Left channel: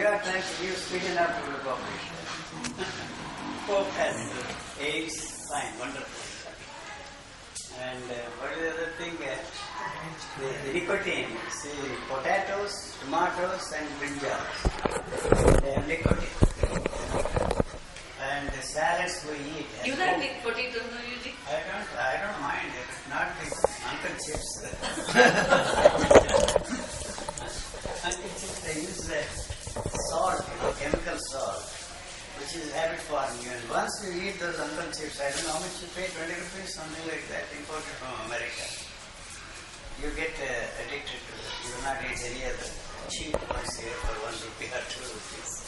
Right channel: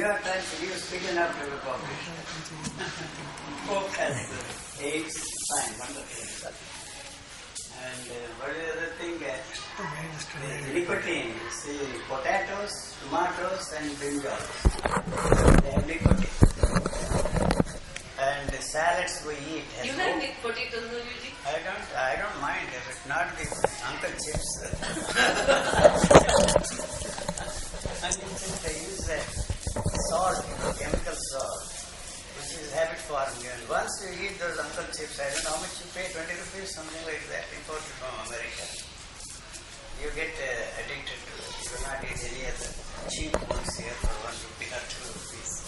You are trying to give speaking up to the population. Pope has AIDS, fine, wonderful. And what is the other thing? The nicotine. See, potatoes, tomatoes, and brinjals. They have nicotine. And the salads we eat. You like with potatoes, no, Yuji? I don't mind. If it's not the Uncle Chips. Uncle Chips, they use salt, chemical salt, which is habit forming. And once you eat those Uncle Chips, I don't know how much you pay, 20 rupees, something like that, imported from America. You get addicted to it. You will not eat any other cheap ones here for 1 rupee or 2 rupees.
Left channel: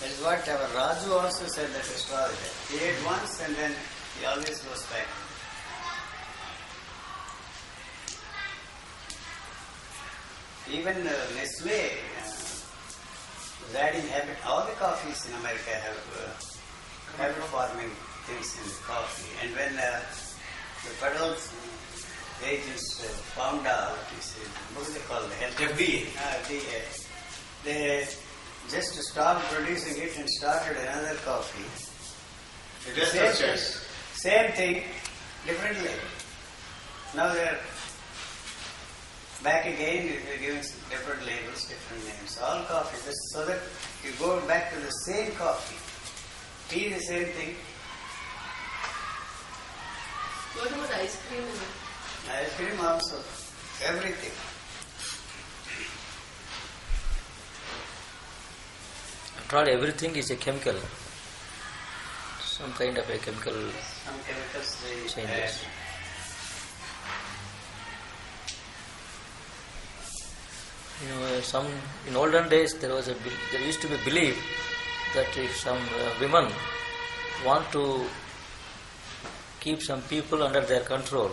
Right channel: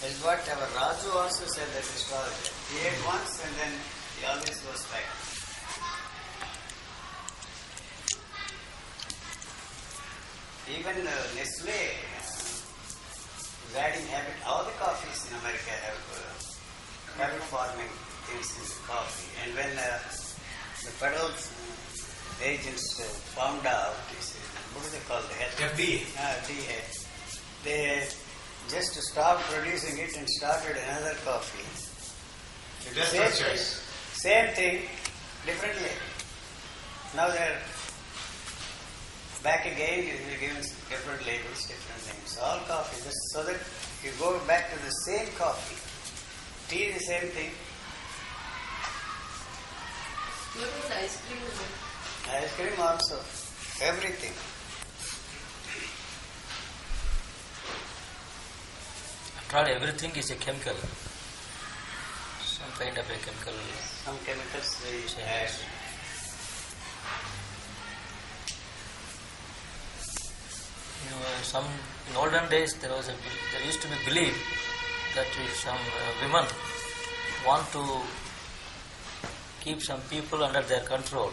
That is what our Raju also said, that astrologer. He ate once and then he always goes back. Even Nestle is adding habit. All the coffees in America have habit-forming things in the coffee. And when the federal agents found out, what do they call it? FDA. FDA. They just stopped producing it and started another coffee. Same thing, different label. Now they're back again, they're giving different labels, different names. All coffee, just so that you go back to the same coffee. Tea, the same thing. What about ice cream? Ice cream also. Everything. After all, everything is a chemical. Some kind of a chemical. Some chemicals they changes. add. In olden days, there used to be belief that if some women want to keep some people under their control,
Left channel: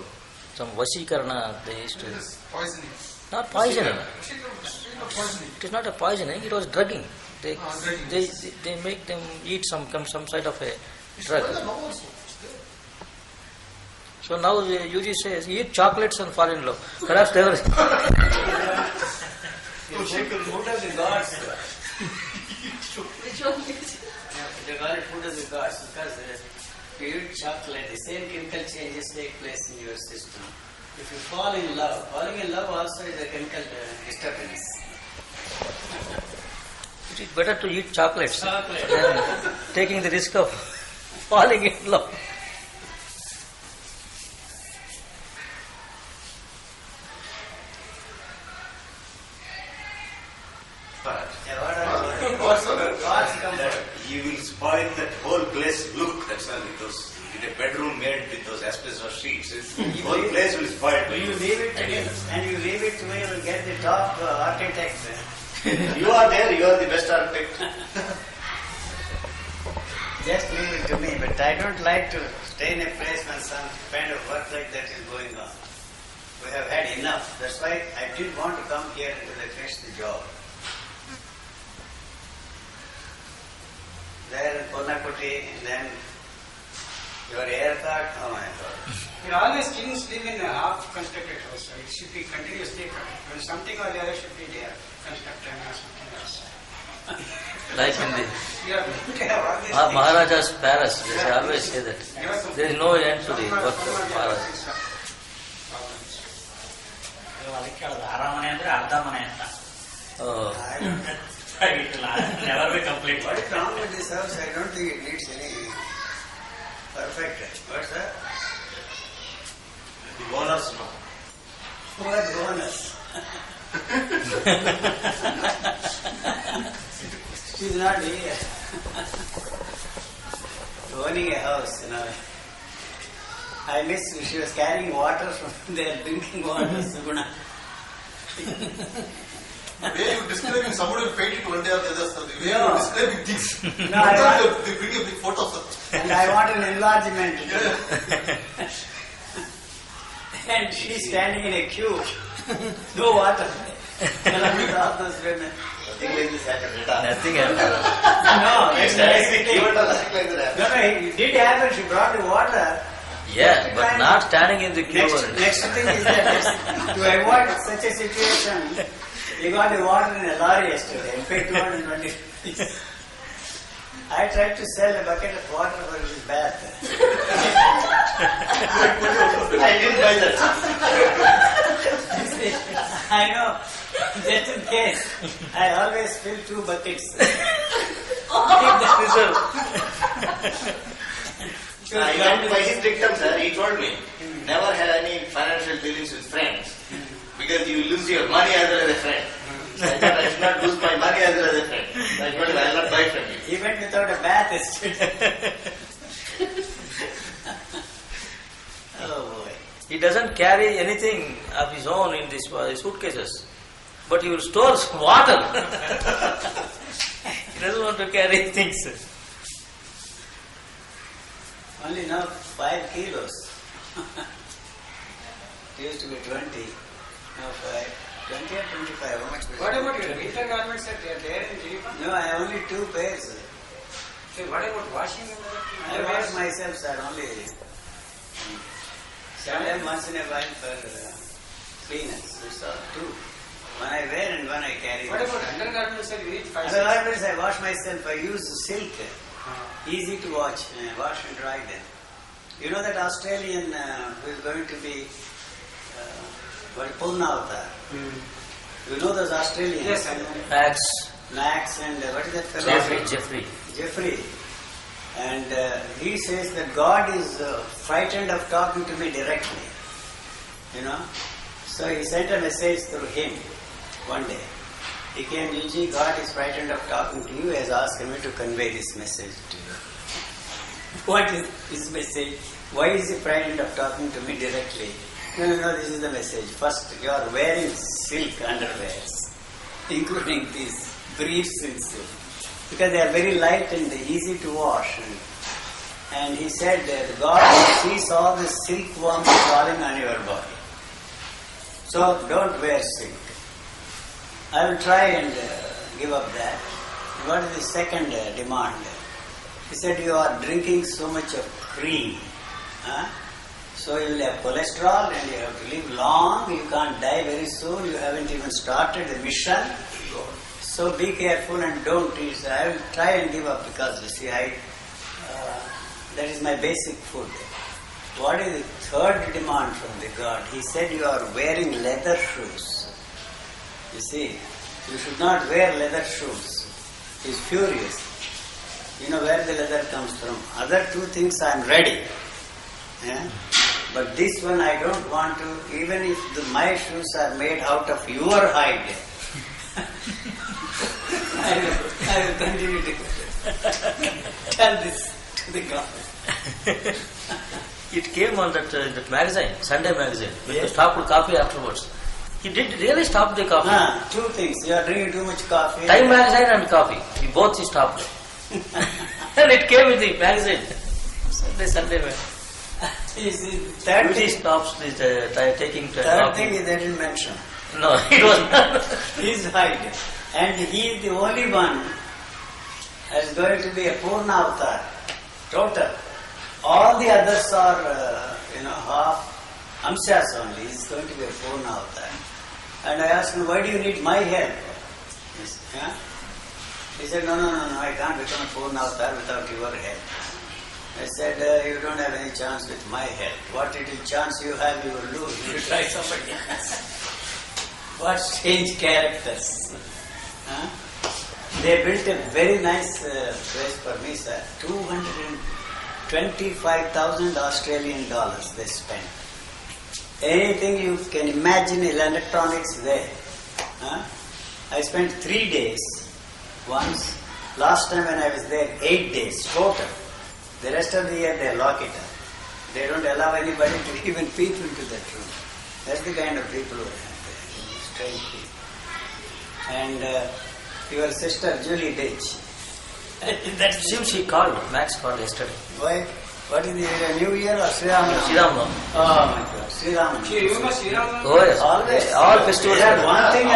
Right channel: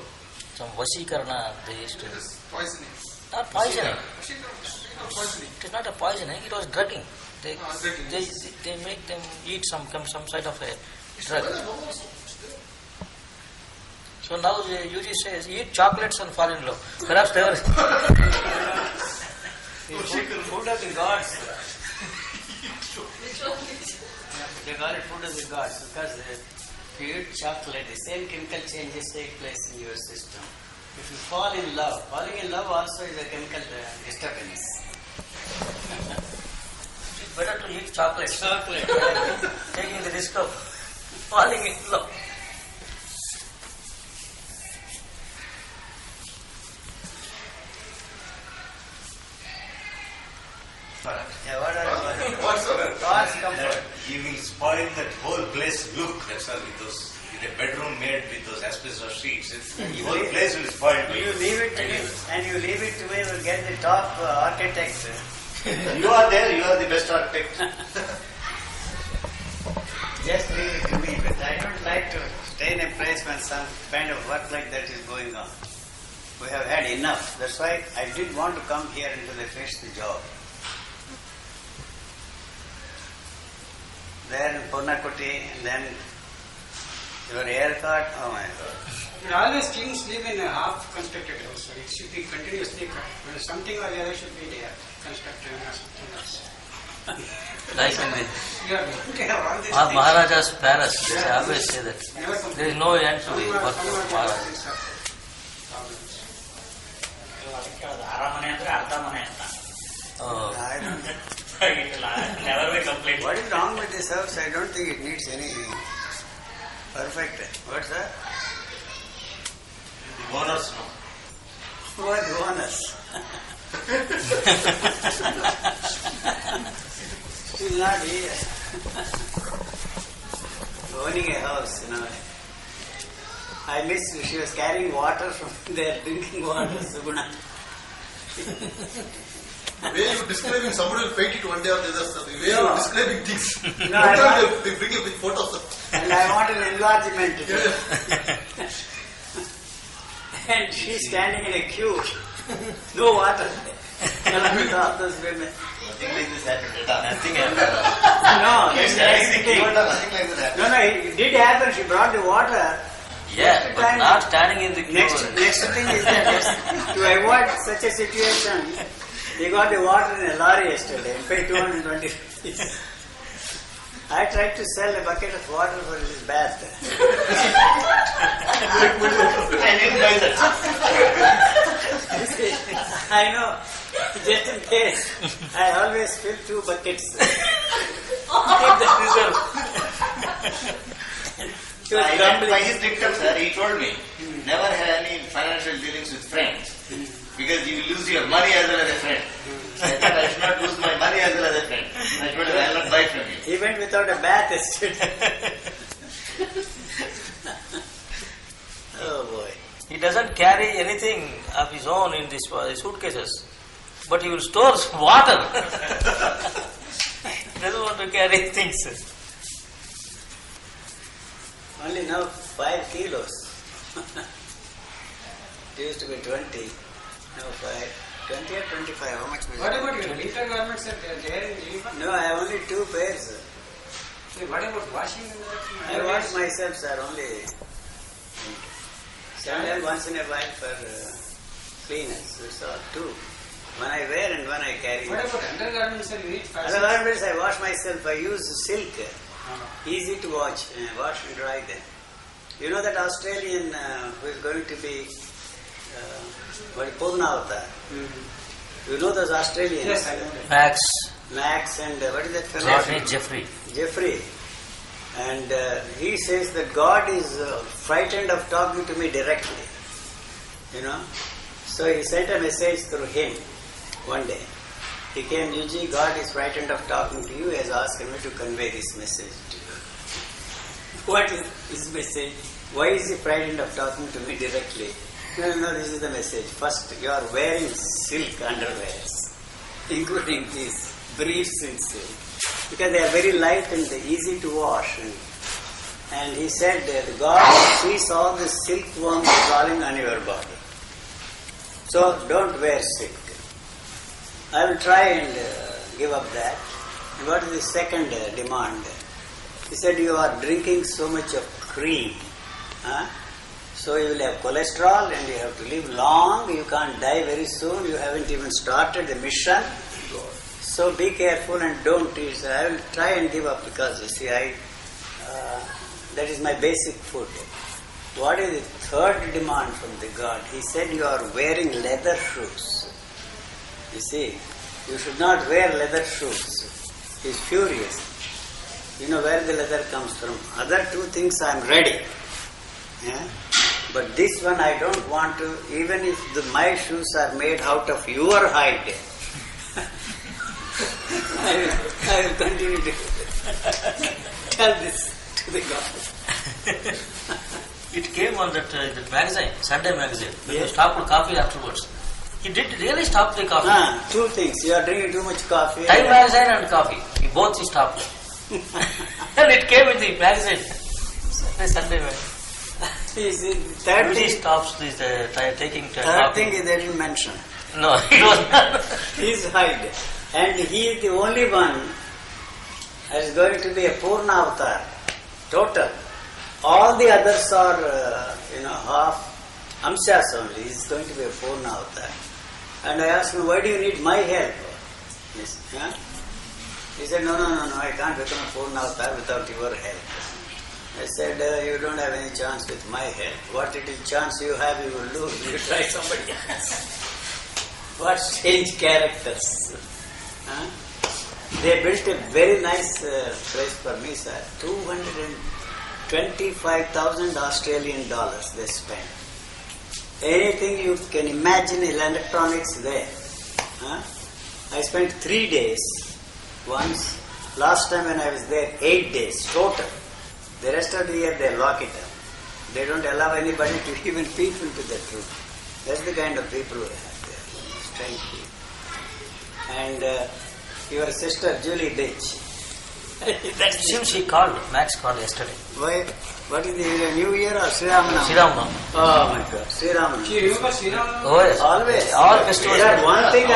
some vasikarana they used to. Poisoning. Not poisoning. Poisoning. It is not a poisoning. It was drugging. They make them eat some side of a drug. So now Yuji says, eat chocolates and fall in love. Perhaps they were. Food of the gods. Which one is? They call it food of the gods because if you eat chocolate, the same chemical changes take place in your system. If you fall in love, falling in love also is a chemical disturbance. It is better to eat chocolates Chocolate. than taking the risk of falling in love. Yeah, what are God's comfort. You will spoil that whole place look. That's all. Those in a bedroom made with those asbestos sheets. The whole place will spoil. You leave it to me, and you leave it to me, you will get the top architect. You are there. You are the best architect. Just leave it to me, but I don't like to stay in a place when some kind of work like that is going on. We have had enough. That's why I didn't want to come here until I finished the job. There in Purnakuti, and then your aircraft, oh my God. Always kings live in a half-constructed house, so it should be continuously something or the other should be there, constructed or something else. Like in the You are looking at all these Maharaja's palace, they always say that there is no end to the work of Maharaja. ಅದಕ್ಕೆ ಅದು ಅರಮನೆ ಅಂದ್ರೆ ಅರ್ಧ ಮನೆ ಅಂತ. Oh. I don't It will never be complete. What is wrong with this house? I don't think it needs any perfect. What's that? The owners know. Who are the owners? She's not here. Owning a house, I miss she was carrying water from there, drinking water, Suguna. The way you describing, somebody will paint it one day or the other. The way you are describing things. No, they bring a big photos of. And I want an enlargement. And she's standing in a queue. No water. Along with all those women. Nothing happened. No, that's the thing. No, it did happen. She brought the water. Yeah, but not standing in the queue. Next thing is that to avoid such a situation, He got the water in a lorry yesterday and paid 220 rupees. I tried to sell a bucket of water for his bath. I didn't buy that. I know, just in case, I always fill 2 buckets. Keep that reserve. I went by his dictum, sir. He told me, never have any financial dealings with friends. Because you will lose your money as well as a friend. I thought I should not lose my money as well as a friend. I told him I will not buy from you. He went without a bath yesterday. Oh boy. He doesn't carry anything of his own in these suitcases, but he will store water. He doesn't want to carry things. Only now 5 kilos. It used to be 20. Now 5. 20 or 25. How much was What it? about your winter garments that they are there in Geneva? No, I have only 2 pairs. So what about washing and I wash myself, sir, only. Sometimes once in a while for cleaners. It's all 2. When I wear and when I carry. What about undergarments, sir? You need 5 Otherwise, I wash myself. I use silk. Easy to wash and dry them. You know that Australian who is going to be Purnavatar. You know those Australians? Yes, I know. Max and what is that fellow? Jeffrey. And he says that God is frightened of talking to me directly. You know? So he sent a message through him one day. He came, Yuji, God is frightened of talking to you, has asked me to convey this message to you. What is his message? Why is he frightened of talking to me directly? No, this is the message. First, you are wearing silk underwears, including these briefs in silk, because they are very light and easy to wash. And he said, God sees all the silkworms crawling on your body. So don't wear silk. I will try and give up that. What is the second demand? He said, you are drinking so much of cream. So you will have cholesterol and you have to live long. You can't die very soon. You haven't even started the mission. So be careful and don't eat. I will try and give up because, you see, that is my basic food. What is the third demand from the God? He said, you are wearing leather shoes. You see, you should not wear leather shoes. He is furious. You know where the leather comes from. Other 2 things I am ready. But this one I don't want to, even if my shoes are made out of your hide. I will continue to tell this to the God. It came on that magazine, Sunday magazine, when you Yes. stopped coffee afterwards. He did really stop the coffee. 2 things. You are drinking too much coffee. Time magazine and coffee. Both he stopped. And it came in the magazine. Sunday magazine. Third Usually thing, stops this, taking third coffee. thing they didn't mention. No, it was not. His height. And he is the only one that is going to be a Purna avatar. Total. All the others are, half Amshas only. He is going to be a Purna avatar. And I asked him, why do you need my help? He said, no, I can't become a Purna avatar without your help. I said, you don't have any chance with my help. What little chance you have, you will lose. You try somebody else. What strange characters. They built a very nice place for me, sir. 225,000 Australian dollars they spent. Anything you can imagine, electronics there. I spent 3 days once. Last time when I was there, 8 days total. The rest of the year they lock it up. They don't allow anybody to even peep into that room. That's the kind of people we have there. Strange people. And your sister Julie Ditch. That's She called, Max called yesterday. why? What is the New Year or Sri Ramanam? Sri Ramanam. Oh my God, Sri Ramanam. She remembers Sri Ramanam? Oh yes. Always. All festivals. Sir, one thing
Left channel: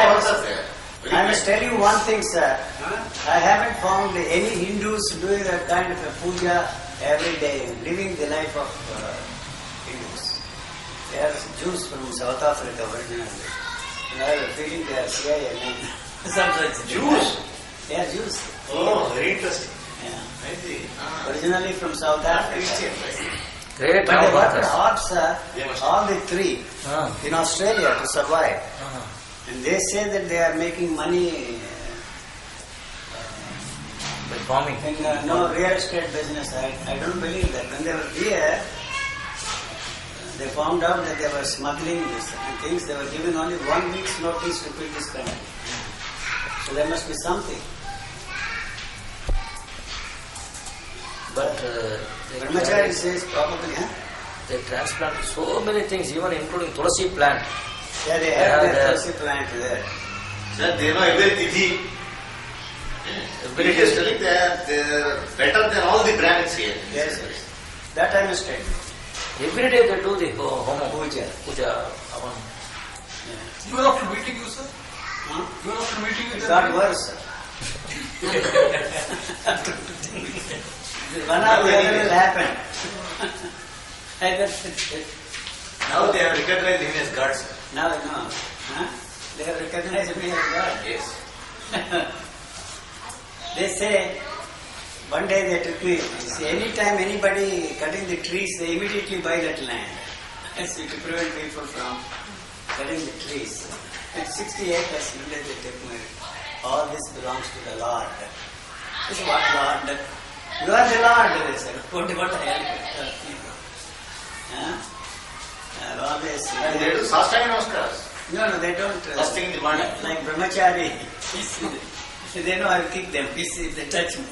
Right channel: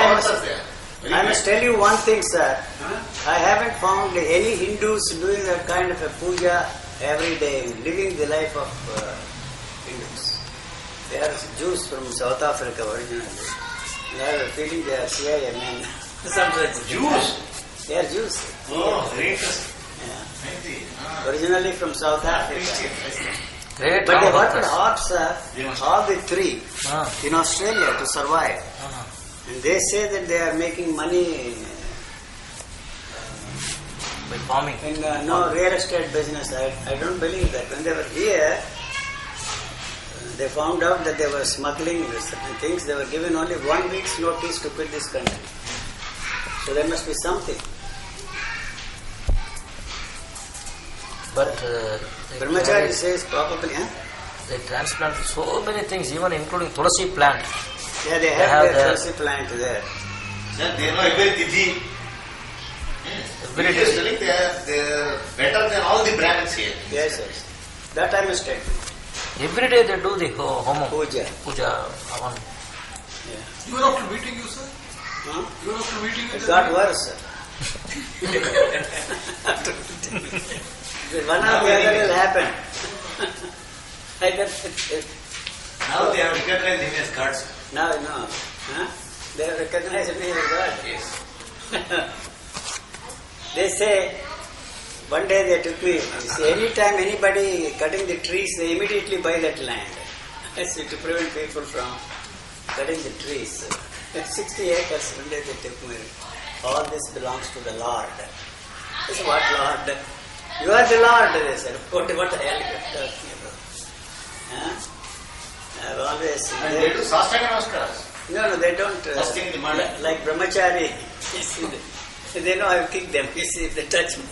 I must tell you one thing, sir. I haven't found any Hindus doing that kind of a puja every day, living the life of Hindus. They are Jews from South Africa originally. And I have a feeling they are CIA men. Sometimes Jews? They are Jews. Oh, very interesting. Yeah. I see. Originally from South Africa. Great But they Ram worked Bhaktas. hard, sir, They must- all the three, Ah, in Australia to survive. ah. And they say that they are making money By farming. in no real estate business. I don't believe that. When they were here, they found out that they were smuggling certain things. They were given only 1 week's notice to quit this country. So there must be something. But they, Brahmachari says probably, huh? they transplant so many things, even including tulasi plant. Yeah, they have have their their- tulsi plant there. Sir, they know every tithi. Every He is day. telling they're better than all the Brahmins here. Yes, yes. That I must tell you. Every day they do the homo. Puja. Puja. Havan. You are after meeting you, sir? Huh? You are after meeting you? It got worse, sir. One or the other will happen. Either Now they have recognized him as God, sir. now, no. Huh? They have recognized me as God. Yes. They say, one day they took me, anytime anybody cutting the trees, they immediately buy that land. So to prevent people from cutting the trees. It's 60 acres, one day they took me. All this belongs to the Lord. I said, what Lord? You are the Lord, they said. What the hell are you talking about? Huh? I've always... And they do sastanga namaskaras. No, they don't. First thing in the morning. Like brahmachari, they know I'll kick them. You see, if they touch me.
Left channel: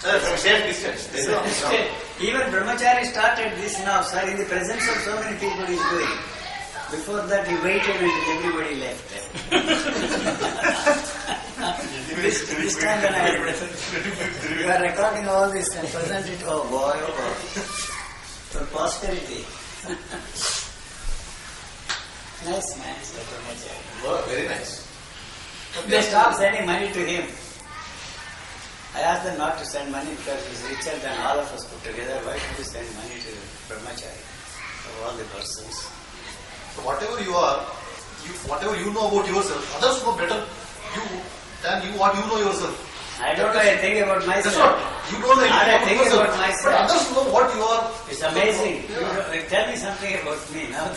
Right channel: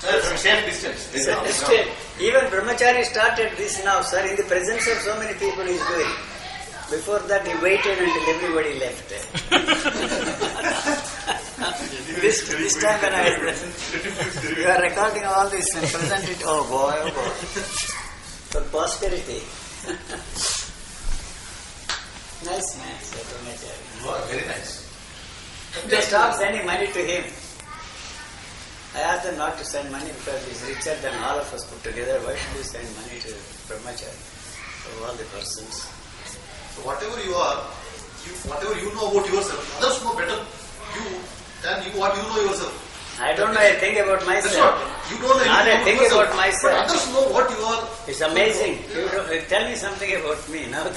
Sir, from safe distance. They So, know. still, even brahmachari started this now, sir, in the presence of so many people he's doing. Before that, he waited until everybody left. this time when I was present, you are recording all this and present it. Oh boy. For posterity. Nice man, said brahmachari. Oh, very nice. They stopped sending money to him. I asked them not to send money because he's richer than all of us put together. Why should we send money to brahmachari of all the persons? So whatever you are, whatever you know about yourself, others know better than you what you know yourself. I don't know anything about That's myself. what. You don't know Not a anything thing yourself. about myself. But others know what you are. It's amazing. You don't, tell me something about me now.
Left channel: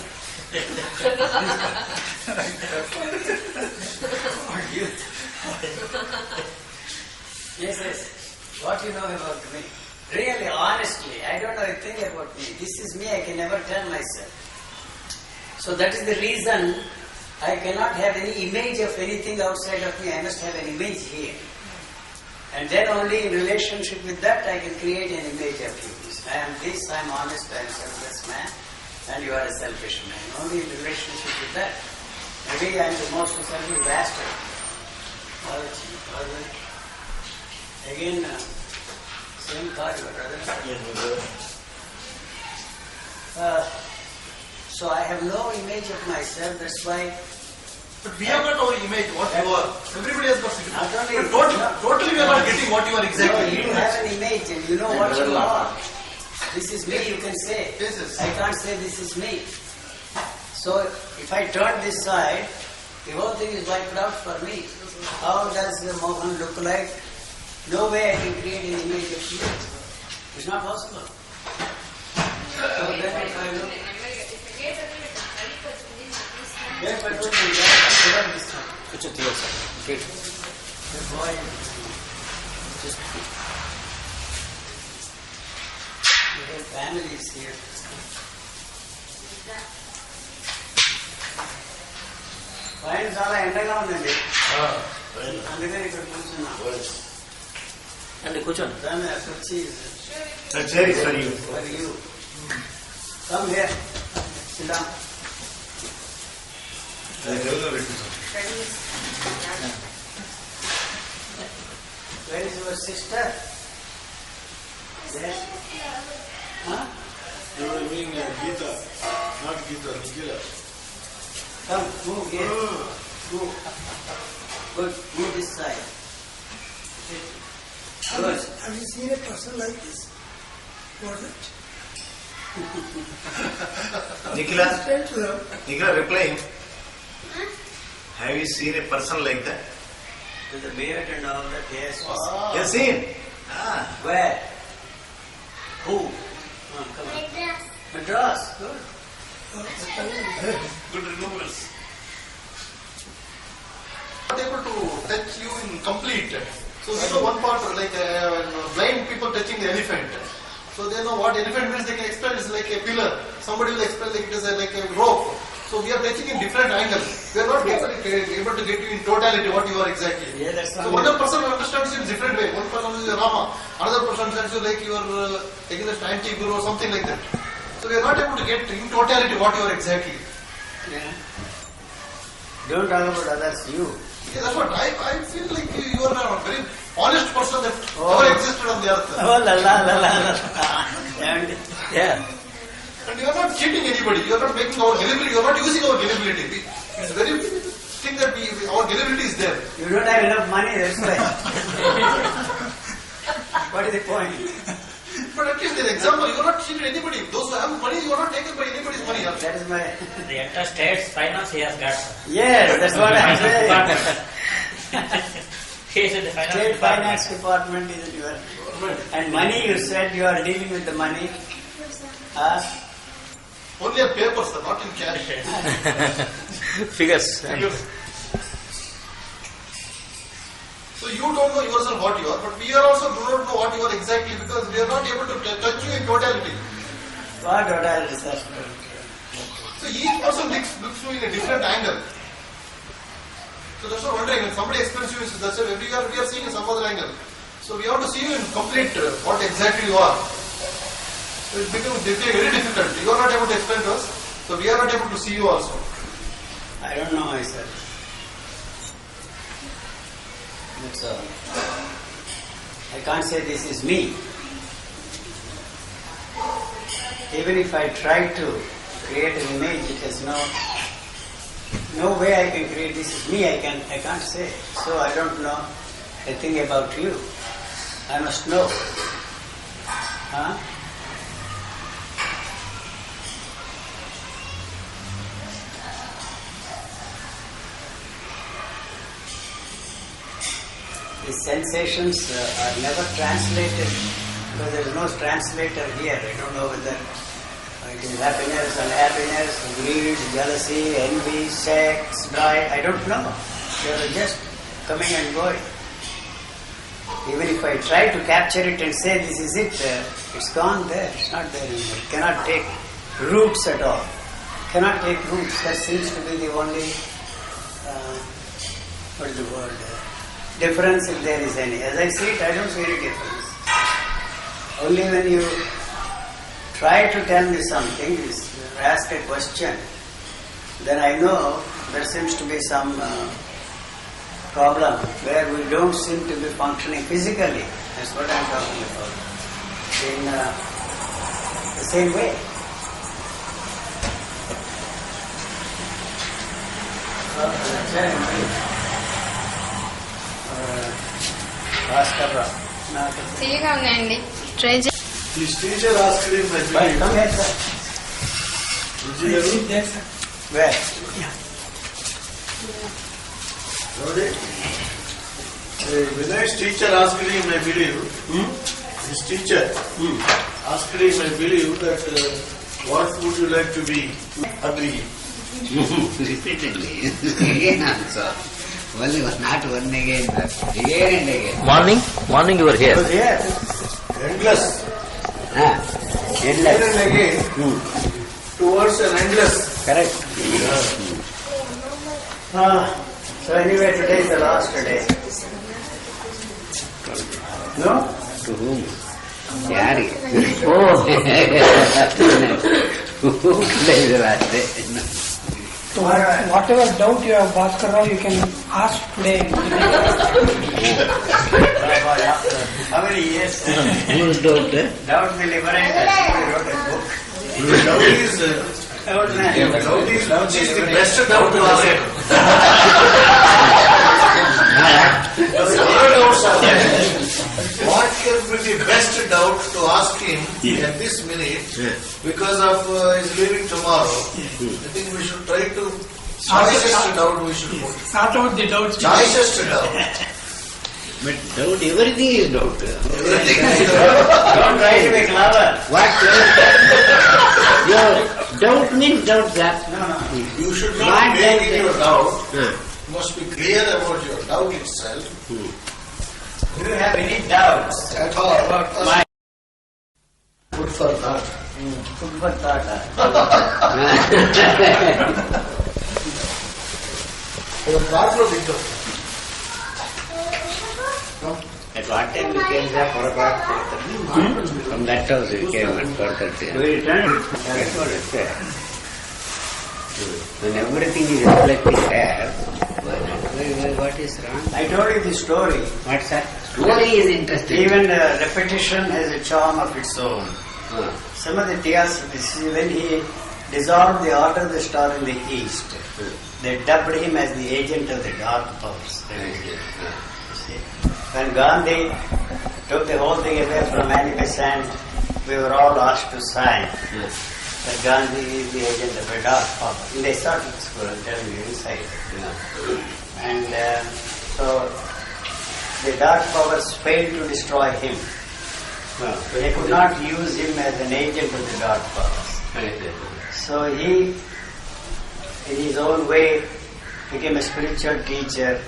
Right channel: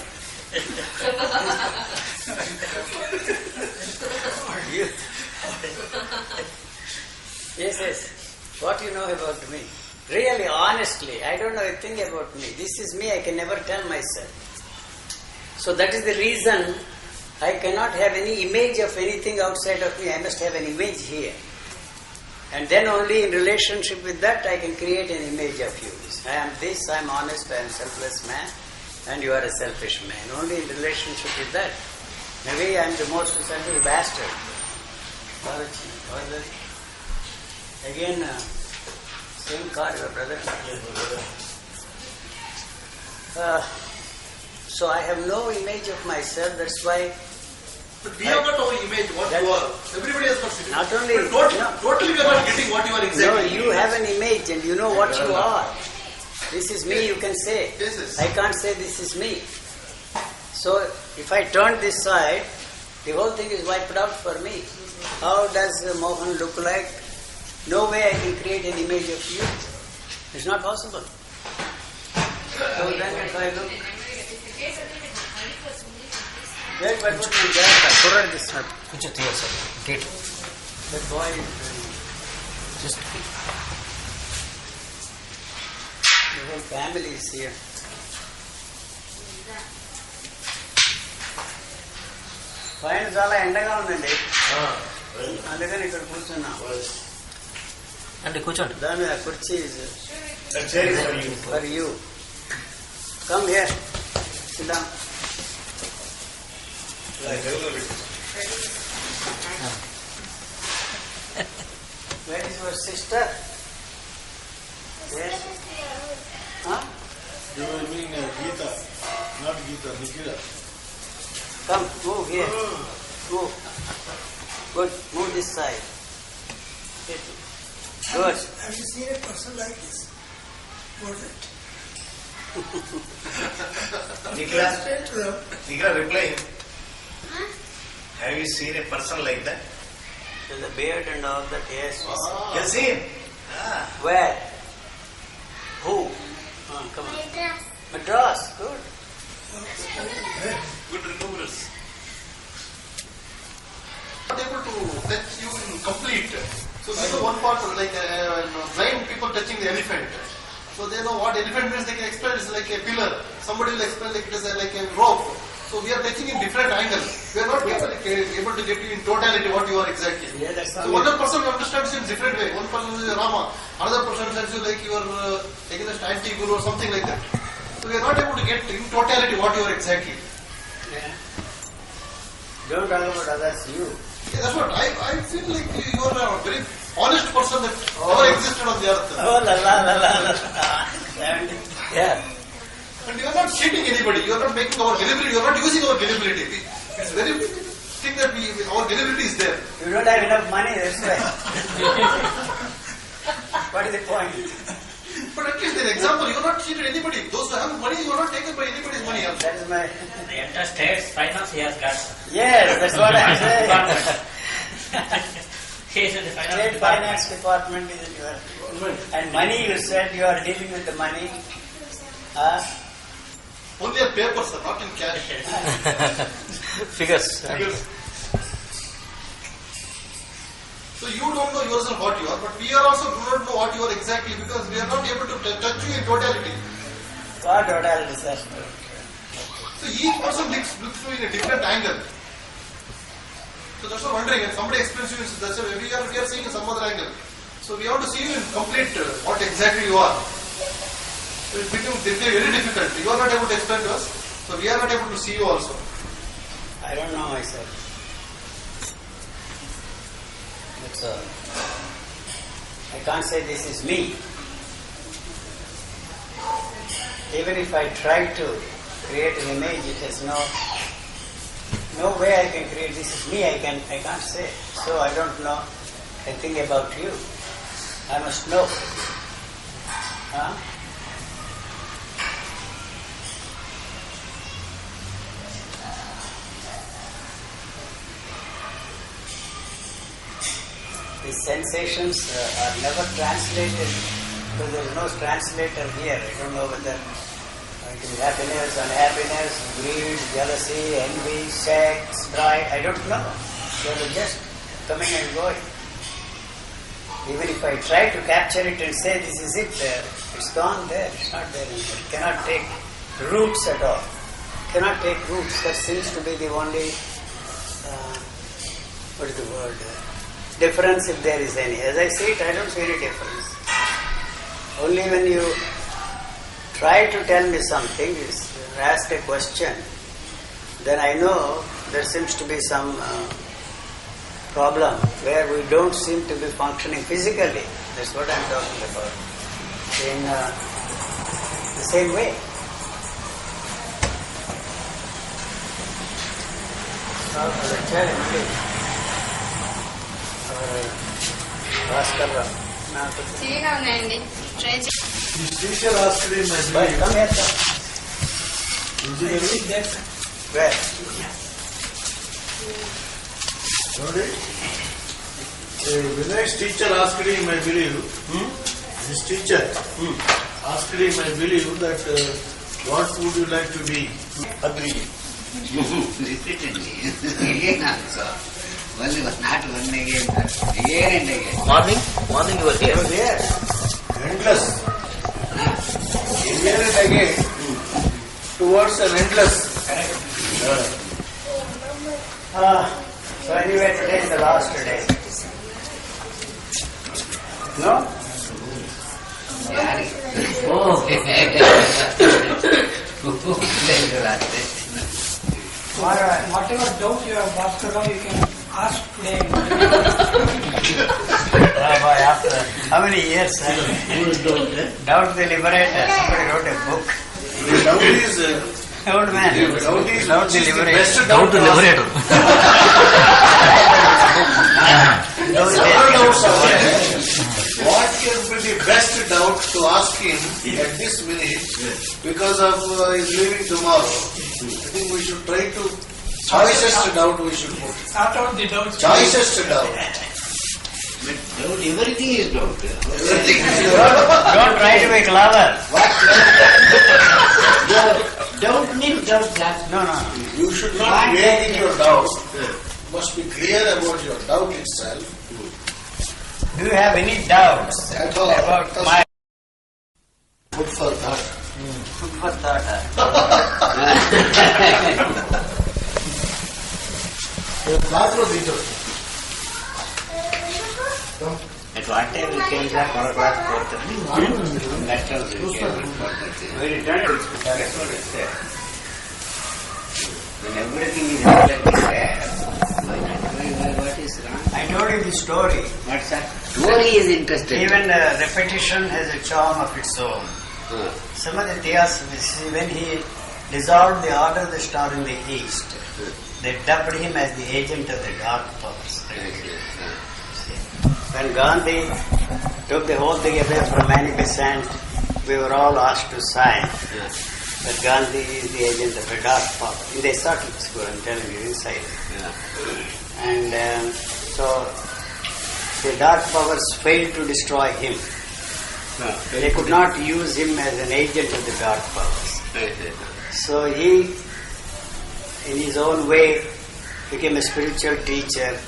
You- yes. What you know about me? Really, honestly, I don't know a thing about me. This is me, I can never tell myself. So that is the reason I cannot have any image of anything outside of me. I must have an image here. And then only in relationship with that I can create an image of you. I am this, I am honest, I am selfless man, and you are a selfish man. Only in relationship with that. Maybe I am the most selfish bastard. Again, same card, brother. So I have no image of myself, that's why But we have got our image, what you are. Everybody has got it. Not only- But totally we are not getting what you are no, exactly. you have an image and you know what you are. This is me, you can say. Yes. I can't say this is me. So if I turn this side, the whole thing is wiped out for me. How does Mohan look like? No way I can create an image of you. It's not possible. So then if I look... Where but what is that? Put this one. Kuchu thiya sir. Gate. The boy... Just The whole family is here. పైన చాలా ఎండగా ఉందండి అందుకని ఇక్కడ కూర్చున్నాం and కూర్చోండి. దాని మీద కుర్చీ Chair is for you. For you come here SIT down where is your sister yes huh You were meaning Gita, not Gita, Nikila. come move here move good move this side good Have you seen a person like this? Was it? Nikila, Straight to them. Nikila replying. Have you seen a person like that? With the beard and all that, yes. You have seen? Ah. Where? Who? Come on. Madras. Good. Good remembrance. Not able to touch you in complete. So they know one part, like blind people touching the elephant. So they know what elephant means. They can explain it's like a pillar. Somebody will explain like it is like a rope. So we are touching in different angle. We are not able to get you in totality what you are exactly. Yeah, that's So one person understands it in different way. One person is Rama. Another person understands you like you are against anti-guru or something like that. So we are not able to get in totality what you are exactly. Yeah. Don't talk about others, you. Yeah, that's what I feel like you are a very honest person that ever existed on the earth. Oh, la la la la la. Yeah. And you are not cheating anybody. You are not making our gullibility. You are not using our gullibility. It's very thing that our gullibility is there. You don't have enough money, that's why. What is the point? But at least the example, you are not cheated anybody. Those who have money, you are not taken by anybody's money. That is my... The entire state's finance he has got. Yes, that's what I'm saying. He is in the finance State department. finance department is it your... And money, you said you are dealing with the money. Only on paper, sir, not in cash. Figures. So you don't know yourself what you are, but we are also do not know what you are exactly because we are not able to touch you in totality. What totality, sir? So each person looks through in a different angle. So that's what I'm wondering, and somebody explains to you, that's why we are seeing in some other angle. So we have to see you in complete what exactly you are. It becomes very difficult. You are not able to explain to us, so we are not able to see you also. I don't know myself. That's all. I can't say this is me. Even if I try to create an image, it has no way I can create this is me. I can't say. So I don't know a thing about you. I must know. Huh? These sensations are never translated because there is no translator here. I don't know whether it is happiness, unhappiness, greed, jealousy, envy, sex, drive. I don't know. They are just coming and going. Even if I try to capture it and say this is it, it's gone there. It's not there anymore. It cannot take roots at all. Cannot take roots. That seems to be the only, what is the word? Difference if there is any. As I see it, I don't see any difference. Only when you try to tell me something, ask a question, then I know there seems to be some problem where we don't seem to be functioning physically. That's what I'm talking about. In the same way. తీయగా ఉన్నాయండి try His teacher asked him, Come here, sir. Where? Vinay's teacher asked him, I believe, his teacher asked him, I believe, that what would you like to be? Agree. Repeatedly. Again answer. Only not one again, sir. Again and again. Morning you were here. Who's here? Endless. Again and again, towards an endless. Correct. So anyway, today is the last day. No? To whom? Yari. Whatever doubt you have, Bhaskara, you can ask today. How many years? Doubt the Liberator. Somebody wrote a book. Doubt is Old man. doubt is the best doubt to liberate. Several doubts are there. What can be the best doubt to ask him at this minute because of his leaving tomorrow? I think we should try to Choicest doubt we should put. Sort out the doubts. Choicest doubt. But doubt, everything is doubt. Don't try to be clever. What? Your doubt means doubt, sir. No. You should What not make doubt? in your doubt. Huh. You must be clear about your doubt itself. Do you have any doubts At all. about my Good for that. food for thought? That was interesting. At what time we came, sir? 4 o'clock, 4:30? From that house we came at 4:30. We returned. That's what it said. When everything is reflecting there, why not? What is wrong? I told you the story. What's that? Story is interesting. Even repetition has a charm of its own. Some of the theosophists, when he dissolved the order of the star in the east, they dubbed him as the agent of the dark powers. When Gandhi took the whole thing away from manifestant, we were all asked to sign that Gandhi is the agent of a dark power. In the Socratic school, I'm telling you, inside. And so the dark powers failed to destroy him. They could not use him as an agent of the dark powers. So he, in his own way, became a spiritual teacher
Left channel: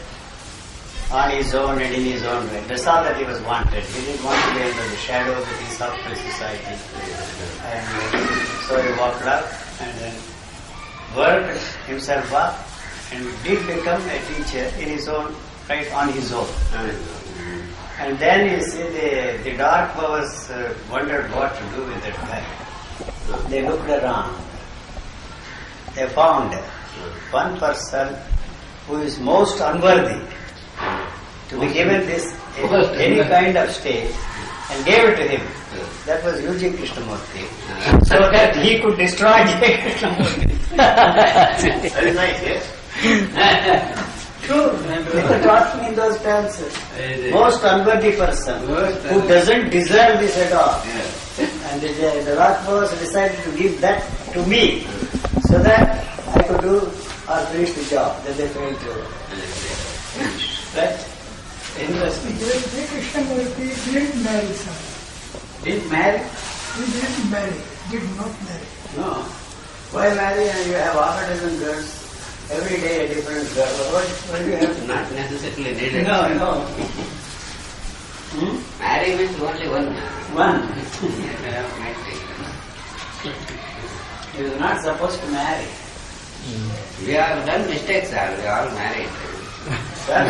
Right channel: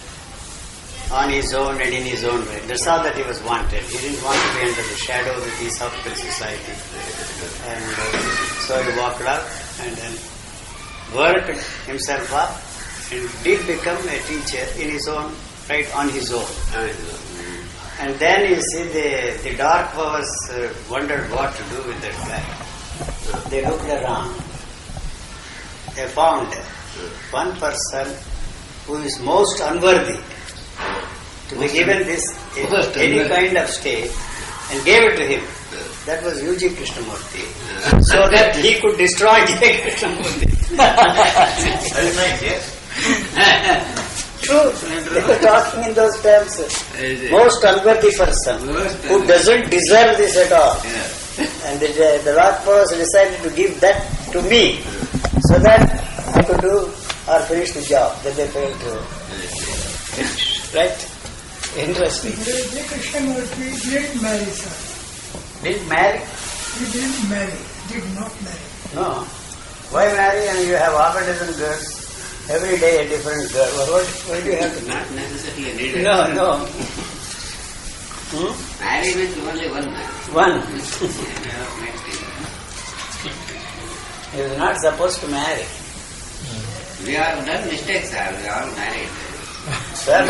on his own and in his own way. That's all that he was wanted. He didn't want to be under the shadow of the Theosophical Society. And so he walked up and then worked himself up and did become a teacher in his own, right, on his own. And then you see the dark powers wondered what to do with that guy. They looked around. They found one person who is most unworthy to be given this any kind of stage and gave it to him. That was U.G. Krishnamurti. So that he could destroy J. Krishnamurti. Very nice, yes. True. They were talking in those terms. Most unworthy person who doesn't deserve this at all. And the dark powers decided to give that to me so that I could do or finish the job that they failed to finish. Right? Interesting. J. Krishnamurti didn't marry, sir. Didn't marry? He didn't marry. Did not marry. No. Why marry and you have half a dozen girls? Every day a different girl. Why do you have to Not necessarily needed. No. Marry means only one man. One. He was not supposed to marry. We have done mistakes, sir. We are all married. Sir,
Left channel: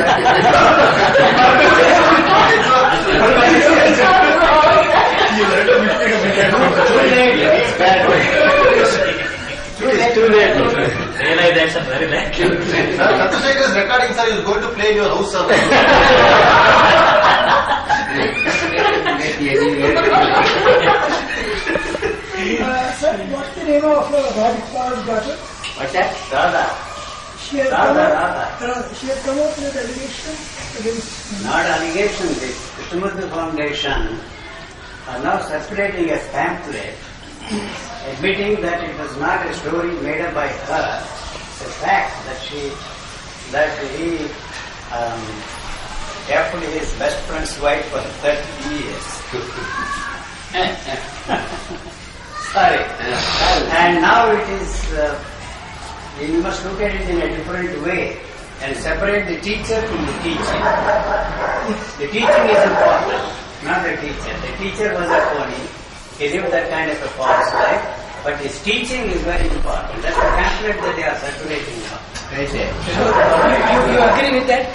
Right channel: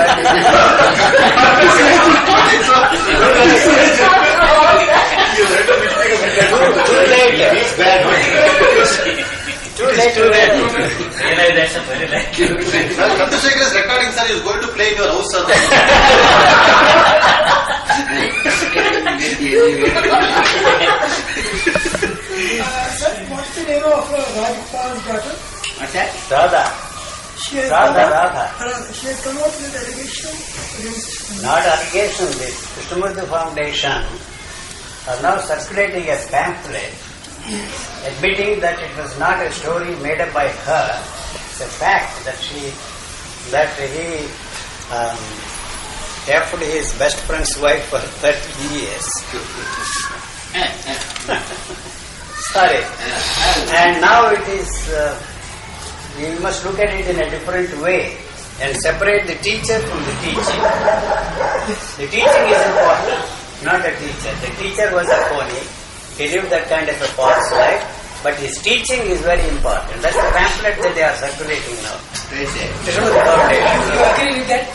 Too late. Realization very late. Chandrasekhar is recording, sir. He is going to play in your house, sir. Sir, what's the name of Radhika's daughter? What's that? Radha. She has Radha. She has come up with allegation against Not allegations. The Krishnamurti Foundation are now circulating a pamphlet admitting that it was not a story made up by her. It's a fact that he kept his best friend's wife for 30 years. Sorry. And now it is, you must look at it in a different way and separate the teacher from the teaching. The teaching is important, not the teacher. The teacher was a phony. He lived that kind of a false life. But his teaching is very important. That's the pamphlet that they are circulating now. I say. You agree with that?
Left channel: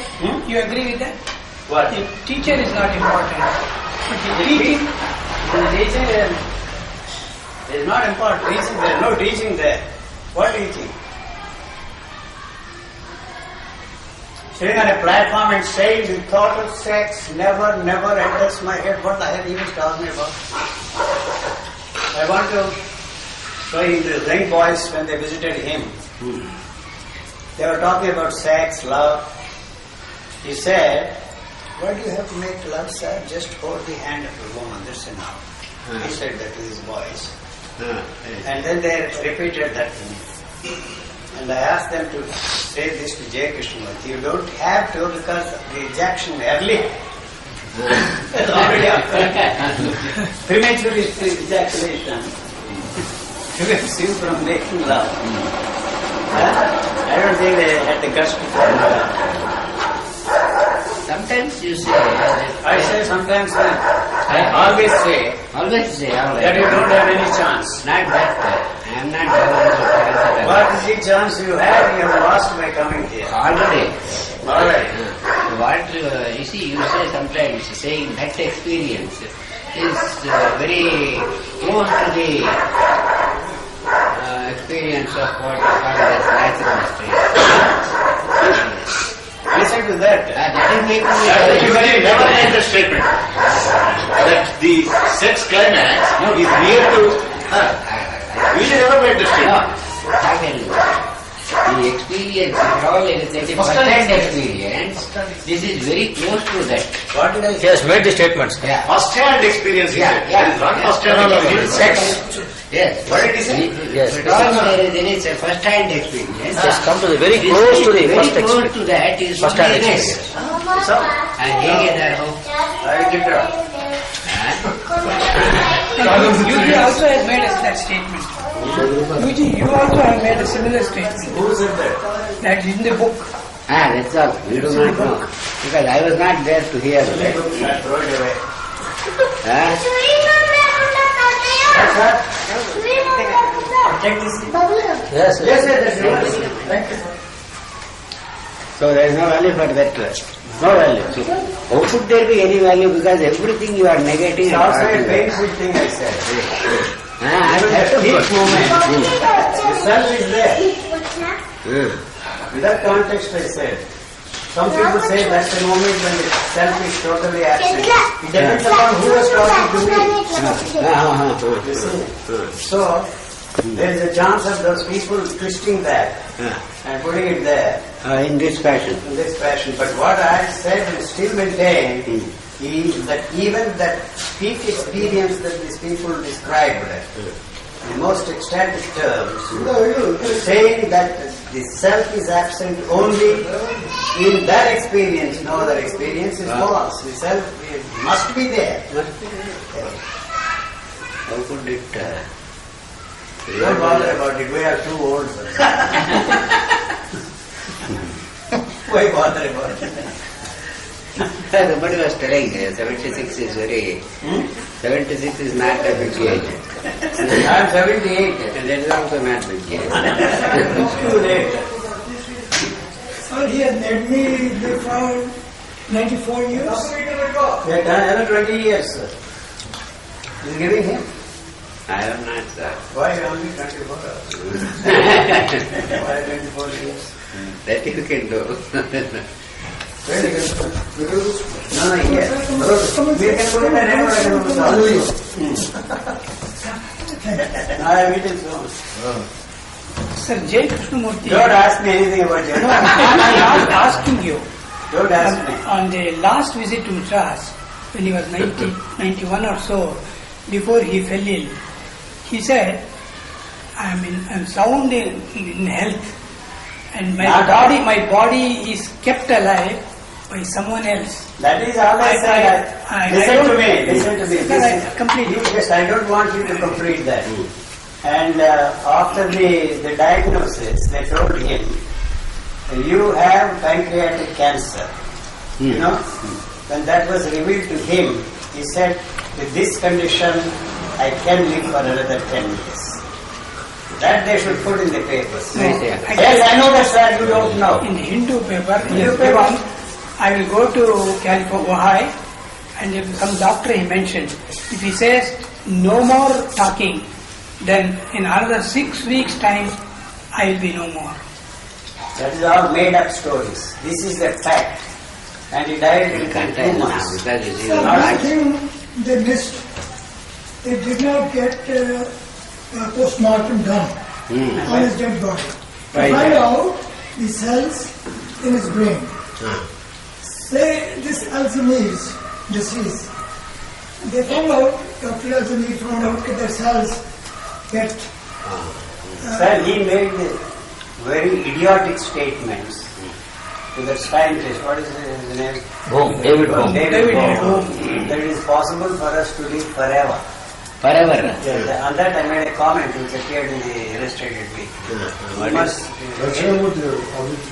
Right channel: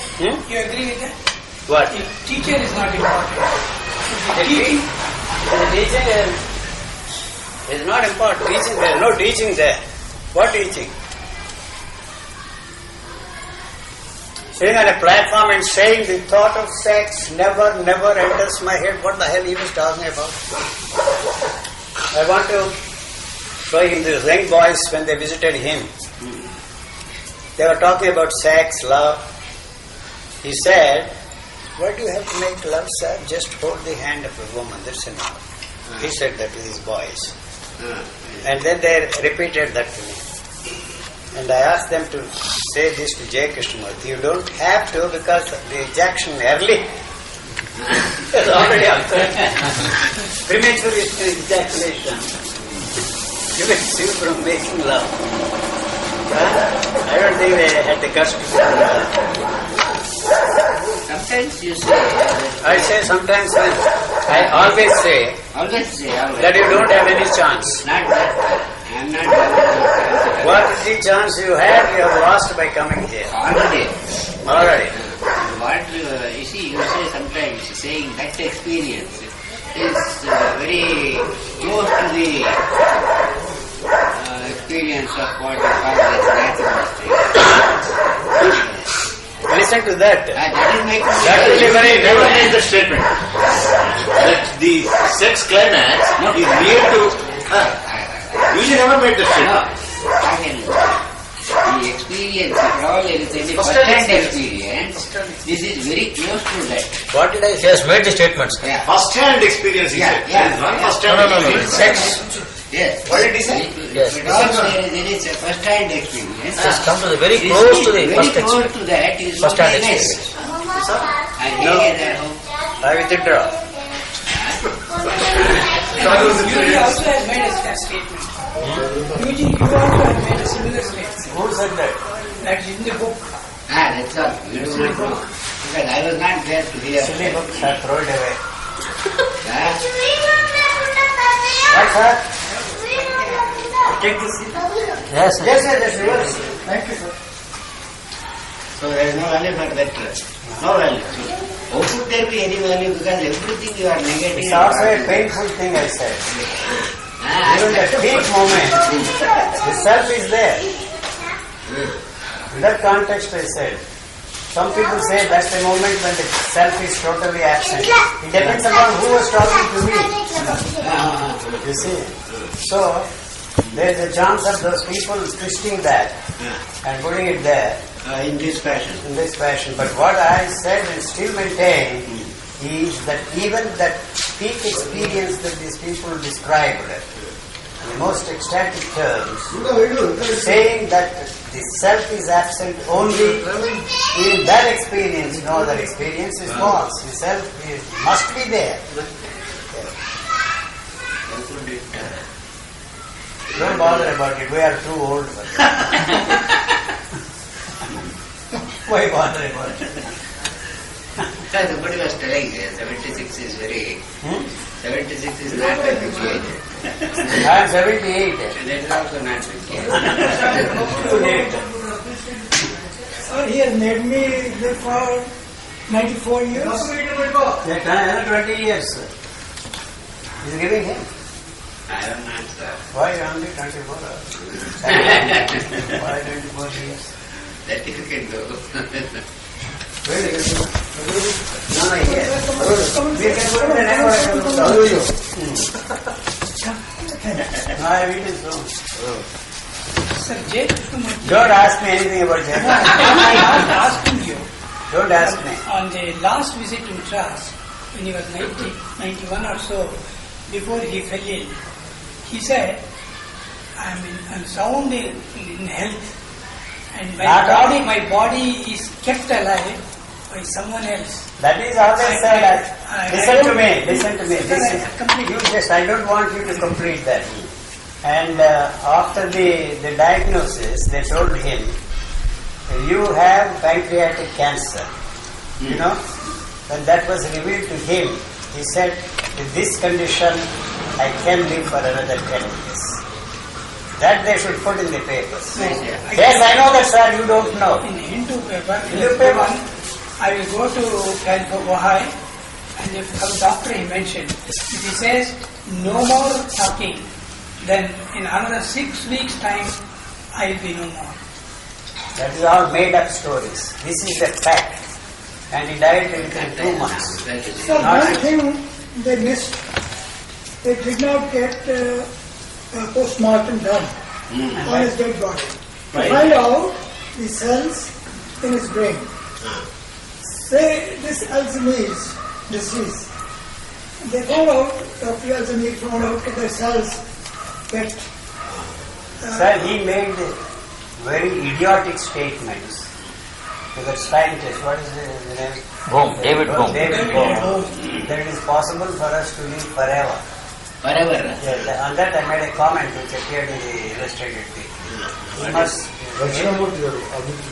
You agree with that? What? The teacher is not important. The teaching is not important. Teaching, there is no teaching there. What teaching? Sitting on a platform and saying the thought of sex never enters my head. What the hell he was talking about? I want to show him the young boys when they visited him. They were talking about sex, love. He said, "Why do you have to make love, sir? Just hold the hand of a woman, that's enough." He said that to his boys. And then they repeated that to me. And I asked them to say this to J. Krishnamurti. You don't have to because the ejection early has already occurred. Premature ejaculation prevents you from making love. I don't think they had the guts to say that. Sometimes you say I say sometimes, I always say that you don't have any chance. Not that. I am not having What is the chance you have lost by coming here? already. Already. What you see, you say sometimes saying that experience is very close to the experience of what you call as natural state. Listen to that. That is making You never made the statement that the sex climax is near to her. You never made the statement. The experience, if all is a first-hand experience, this is very close to that. What did I He say? has made the statements. Yeah. First-hand experience, he said. Yeah. There is one first-hand No. experience. Sex. Yes. What did he say? Yes. But also there is a first-hand experience. He has come to the very It is close to the very first close experience. to that is First-hand only this. experience. So, And here is our home. I withdraw. Yuji also has made that statement. Yuji, you also have made a similar statement. Who said that? That is in the book. That's all. We do not know. Because I was not there to hear Silly that. books are thrown away. Huh? What's that? Take this. Yes. Yes, that's yours. Thank you. So there is no value for that. No value. So how could there be any value? Because everything you are negative. It's also a painful thing, I said. Even That's the a peak good moment, the self is there. Hmm. In that context, I said, some people say that's the moment when the self is totally absent. It depends upon who is talking to me. You see? So, there is a chance of those people twisting that and putting it there In this fashion. in this fashion. But what I said and still maintain is that even that peak experience that these people described, in the most ecstatic terms, saying that the self is absent only in that experience, no other experience is false. The self must be there. How could it... Don't bother about it, we are too old for that. Why bother about it? Somebody was telling 76 is very... 76 is not a big age. I am 78. And that is also not big age. Too late. So he has made me live for 94 years. Another 20 years, sir. Is giving him. I am not, sir. Why only 24 hours? Why 24 years? That you can do. Where they get to go? No, here. We can put in the name or I can put the I have eaten so. Sir, J. Krishnamurti. Don't ask me anything about I Jagan. am asking you. Don't ask me. On the last visit to Madras, when he was 90, 91 or so, before he fell ill, he said, I'm sound in health, and my body is kept alive by someone else. That is all I said. Listen to me. I don't want you to complete that. And after the diagnosis, they told him, you have pancreatic cancer. You know, when that was revealed to him, he said, with this condition, I can live for another 10 years. That they should put in the papers. Yes, I know that, sir, you don't know. In Hindu paper, Hindu paper. I will go to California, and if some doctor he mentioned, if he says no more talking, then in another 6 weeks' time, I will be no more. That is all made up stories. This is the fact. And he died in 2 months. So one thing they missed, they did not get post-mortem done on his dead body. To find out the cells in his brain. Say this Alzheimer's disease. They found out, Dr. Alzheimer's found out that the cells get... Sir, he made very idiotic statements to that scientist. What is his name? David Bohm. David Bohm. That it is possible for us to live forever. Forever. Yes, on that I made a comment which appeared in the illustrated week. He must,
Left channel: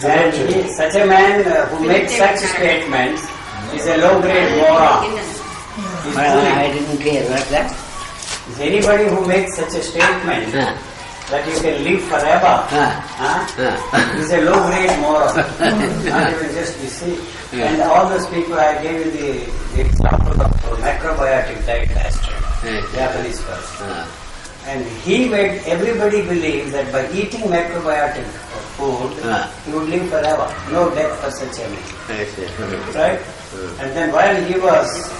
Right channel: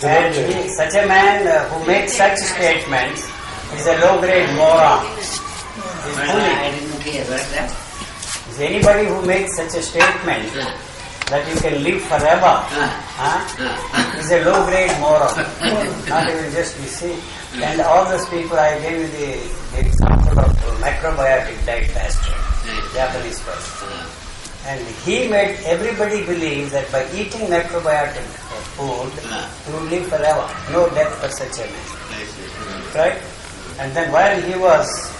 and such a man who makes such statements is a low-grade moron. He's fooling. I didn't hear that. Is anybody who makes such a statement that you can live forever is a low-grade moron. Not even just you see. And all those people, I gave you the example of macrobiotic diet last time. Japanese person. And he made everybody believe that by eating macrobiotic food, you would live forever. No death for such a man. Right? And then while he was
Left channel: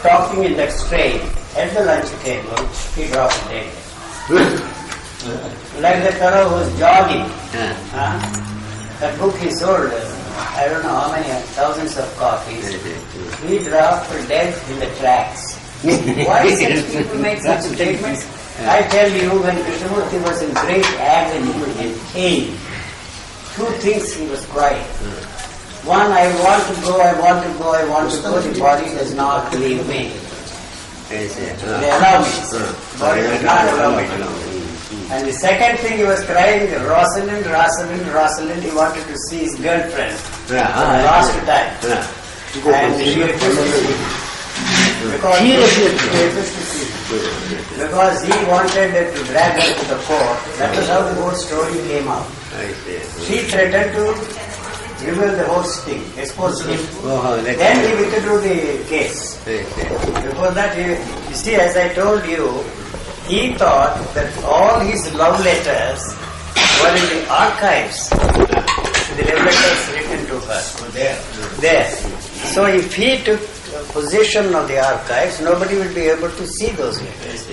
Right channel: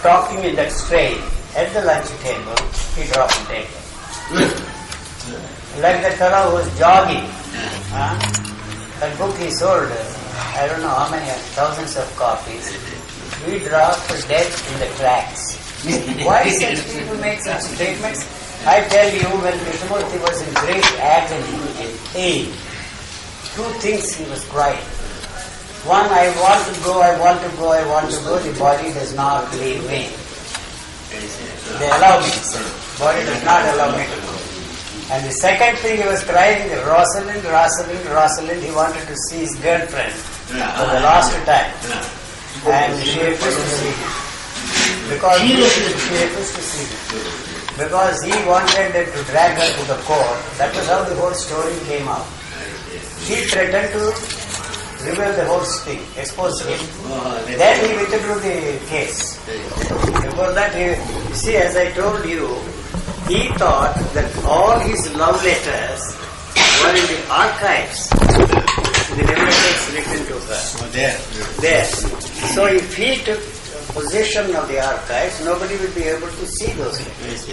talking in that strain, at the lunch table, he dropped dead. Like the fellow who was jogging. That book he sold, I don't know how many, thousands of copies. He dropped dead in the tracks. Why such people make such statements? I tell you, when Krishnamurti was in great agony and pain, two things he was crying. One, I want to go, I want to go, I want to go, the body does not leave me. They allow me. Body does not allow me to go. And the second thing he was crying, Rosalind, he wanted to see his girlfriend for the last time. And she refused to see him. Because he wanted to drag her to the court. That was how the whole story came out. He threatened to reveal the whole thing, expose him. Then he withdrew the case. Before that, you see, as I told you, he thought that all his love letters were in the archives. The love letters written to her. There. So if he took possession of the archives, nobody will be able to see those letters.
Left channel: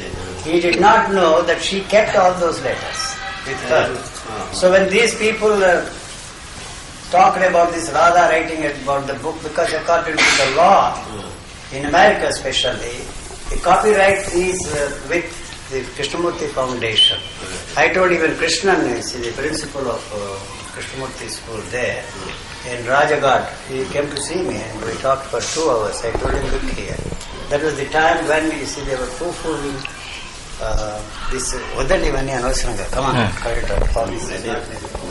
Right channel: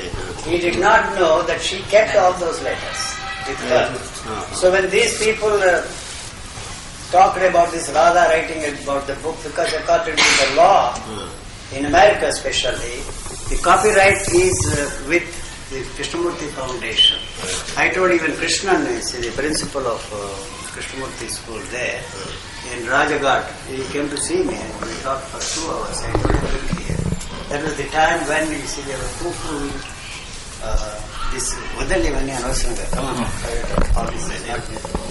He did not know that she kept all those letters with her. So when these people talked about this Radha writing about the book, because according to the law, in America especially, the copyright is with the Krishnamurti Foundation. I told even Krishnan, the principal of Krishnamurti school there, in Rajaghat, he came to see me and we talked for 2 hours. I told him, look here. That was the time when, you see, they were too full. This Udani Vani Anosranga. Come on, carry it on.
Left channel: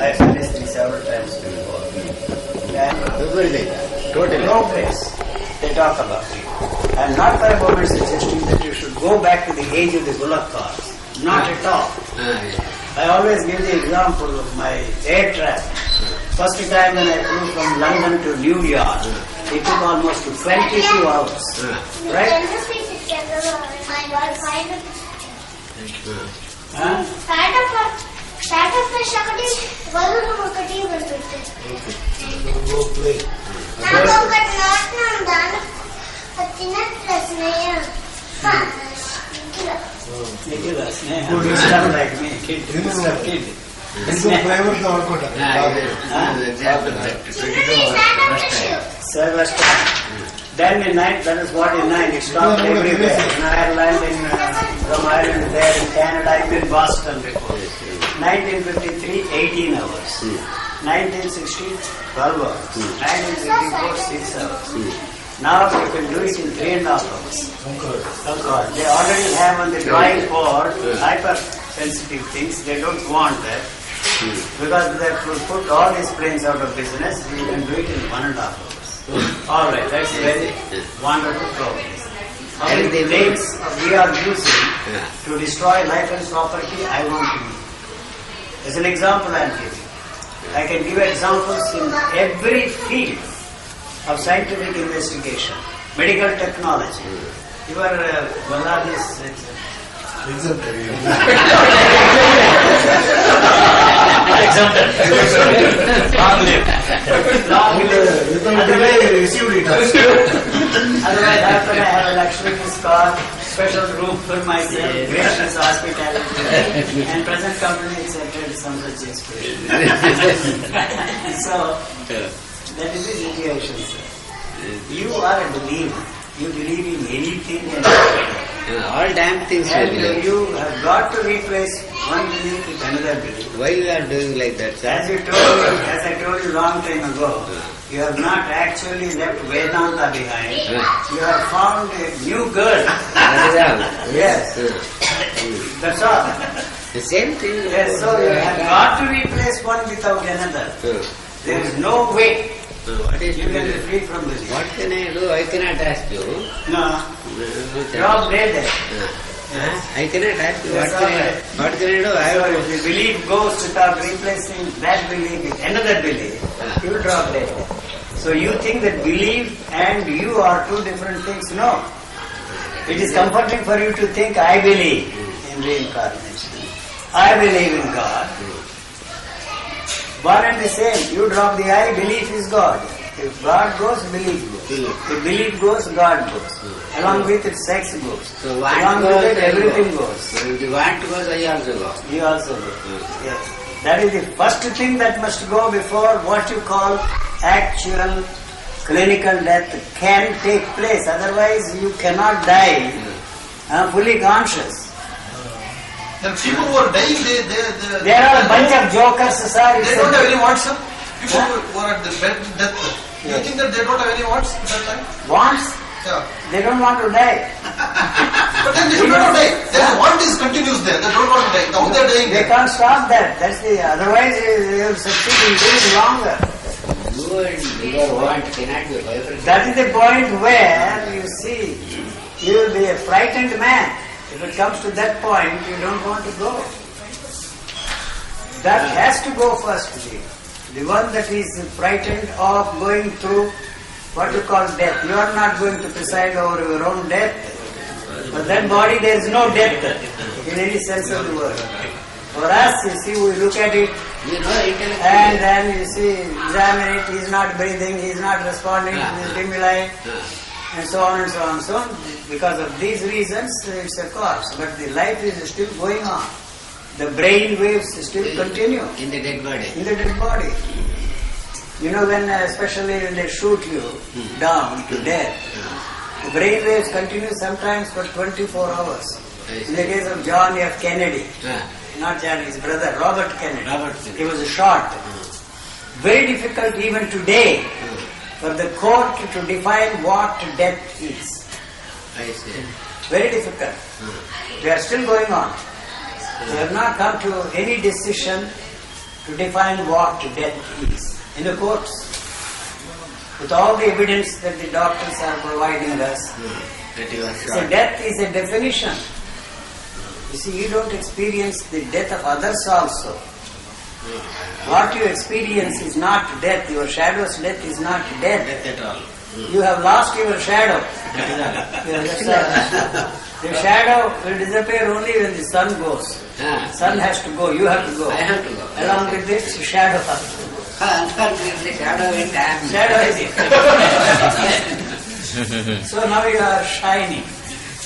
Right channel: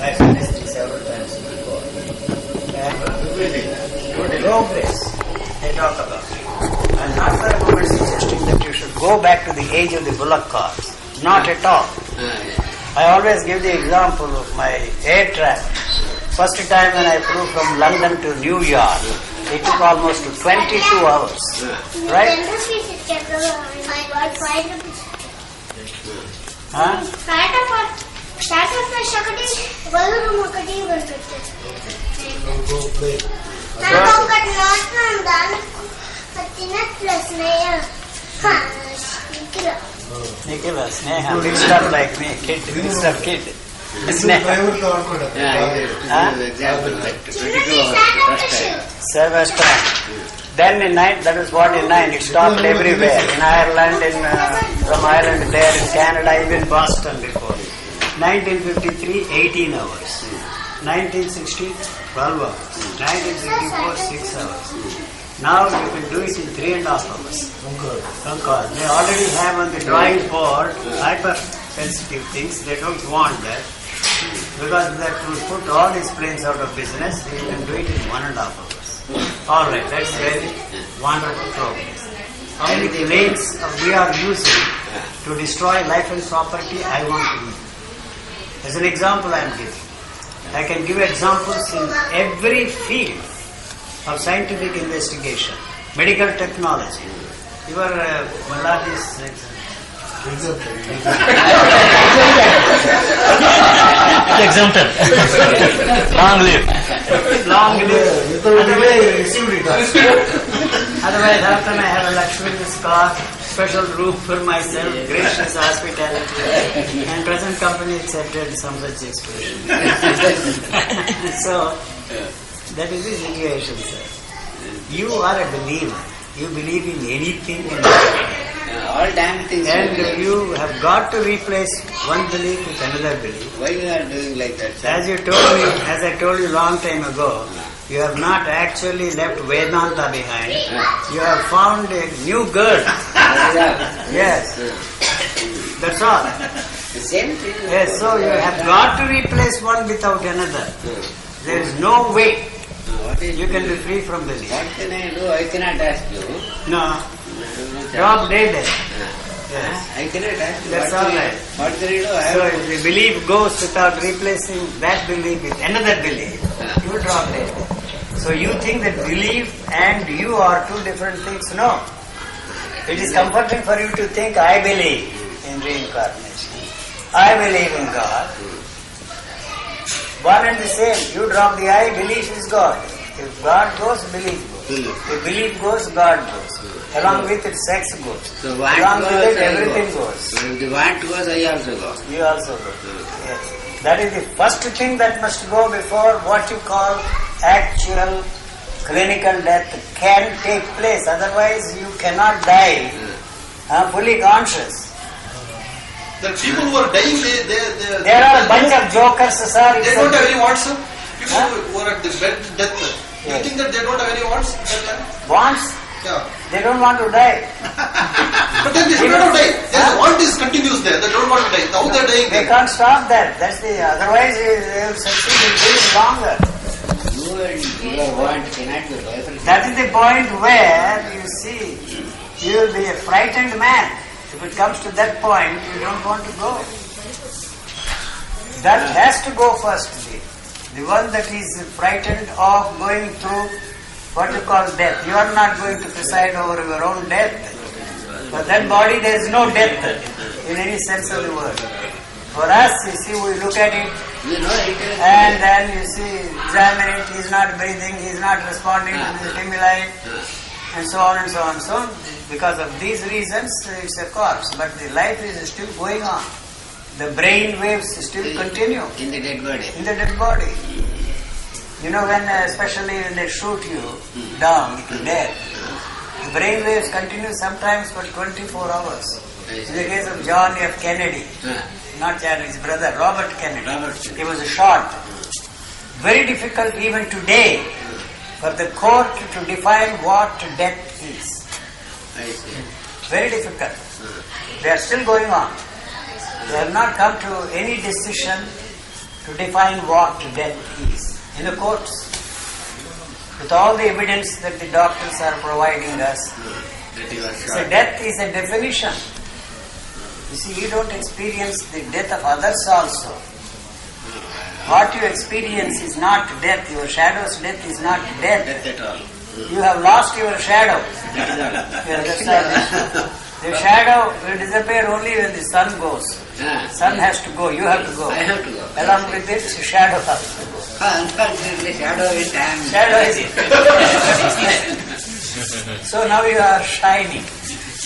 I said this thing several times before. And progress, they talk about it. I am not for a moment suggesting that you should go back to the age of the bullock carts. Not at all. I always give the example of my air travel. First time when I flew from London to New York, it took almost 22 hours. Right? Nikhila, Sneha, mixed up like me, kid. Sneha. First time. Then in that was what in 9, it stopped everywhere. In Ireland, from Ireland there, in Canada, even Boston before. 1953, 18 hours. 1960, 12 hours. 1954, 6 hours. Now you can do it in 3.5 hours. Concord. They already have on the drawing board hypersensitive things. They don't want that. Because that will put all these planes out of business. You can do it in 1.5 hours. Alright, that's very wonderful progress. How many planes we are using to destroy life and property, I want to use. As an example I am giving. I can give examples in every field of scientific investigation, medical technology. Your Maladi's exempted. Long live. Long live. Otherwise, after I have a Lakshmi's car, special room for myself, gracious hospitality, and present company accepted some such expression. So, that is the situation, sir. You are a believer. You believe in anything and everything. All damn things will be And like. you have got to replace one belief with another belief. Why you are doing like that, sir? As I told you long time ago, you have not actually left Vedanta behind. You have found a new girl. Yes. That's all. The same thing. Yes, so you have got to replace one without another. There is no way What is you can be free from belief. What can I do? I cannot ask you. No. Drop dead. Yes. I cannot ask you. That's all right. What can I do? I So have if the belief goes without replacing that belief with another belief, you will drop dead. So you think that belief and you are two different things? No. It is comforting for you to think, I believe in reincarnation. I believe in God. One and the same. You drop the I, belief is God. If God goes, belief goes. If belief goes, God goes. Along with it, sex goes. So want Along with goes, it, I everything go. goes. If the want goes, I also go. You also go. Yes. That is the first thing that must go before what you call actual clinical death can take place. Otherwise, you cannot die fully conscious. The people who are dying, There are a bunch of jokers, sir. they don't have any wants, sir. People Huh? who are at the bed death. You Yes. think that they don't have any wants at that time? Wants? Yeah. They don't want to die. But then they should not die. There's want is continuous there. They don't want to die. Now they're dying. They can't stop that. That's the. Otherwise, they will succeed in living longer. You and your want cannot be everything. That is the point where you see you will be a frightened man. If it comes to that point, you don't want to go. That has to go first. The one that is frightened of going through what you call death. You are not going to preside over your own death. For that body there is no death in any sense of the word. For us, you see, we look at it You know it. and then you see, examine it, he is not breathing, he is not responding to the stimuli, and so on and so on and so on. Because of these reasons, it's a corpse. But the life is still going on. The brain waves still continue In the dead body. in the dead body. You know, when especially when they shoot you down to death, the brain waves continue sometimes for 24 hours. In the case of John F. Kennedy, not John, his brother, Robert Kennedy, he was shot. Very difficult even today for the court to define what death is. I see. Very difficult. They are still going on. They have not come to any decision to define what death is in the courts. With all the evidence that the doctors are providing us, That you are so shot. death is a definition. You see, you don't experience the death of others also. What you experience is not death. Your shadow's death is not death. Death at all. You have lost your shadow. Yes, that's all. The shadow will disappear only when the sun goes. Sun has to go, you have to go. I have to go. Along with it, shadow has to go. Unfortunately, shadow is damn. Shadow is So now you are shining.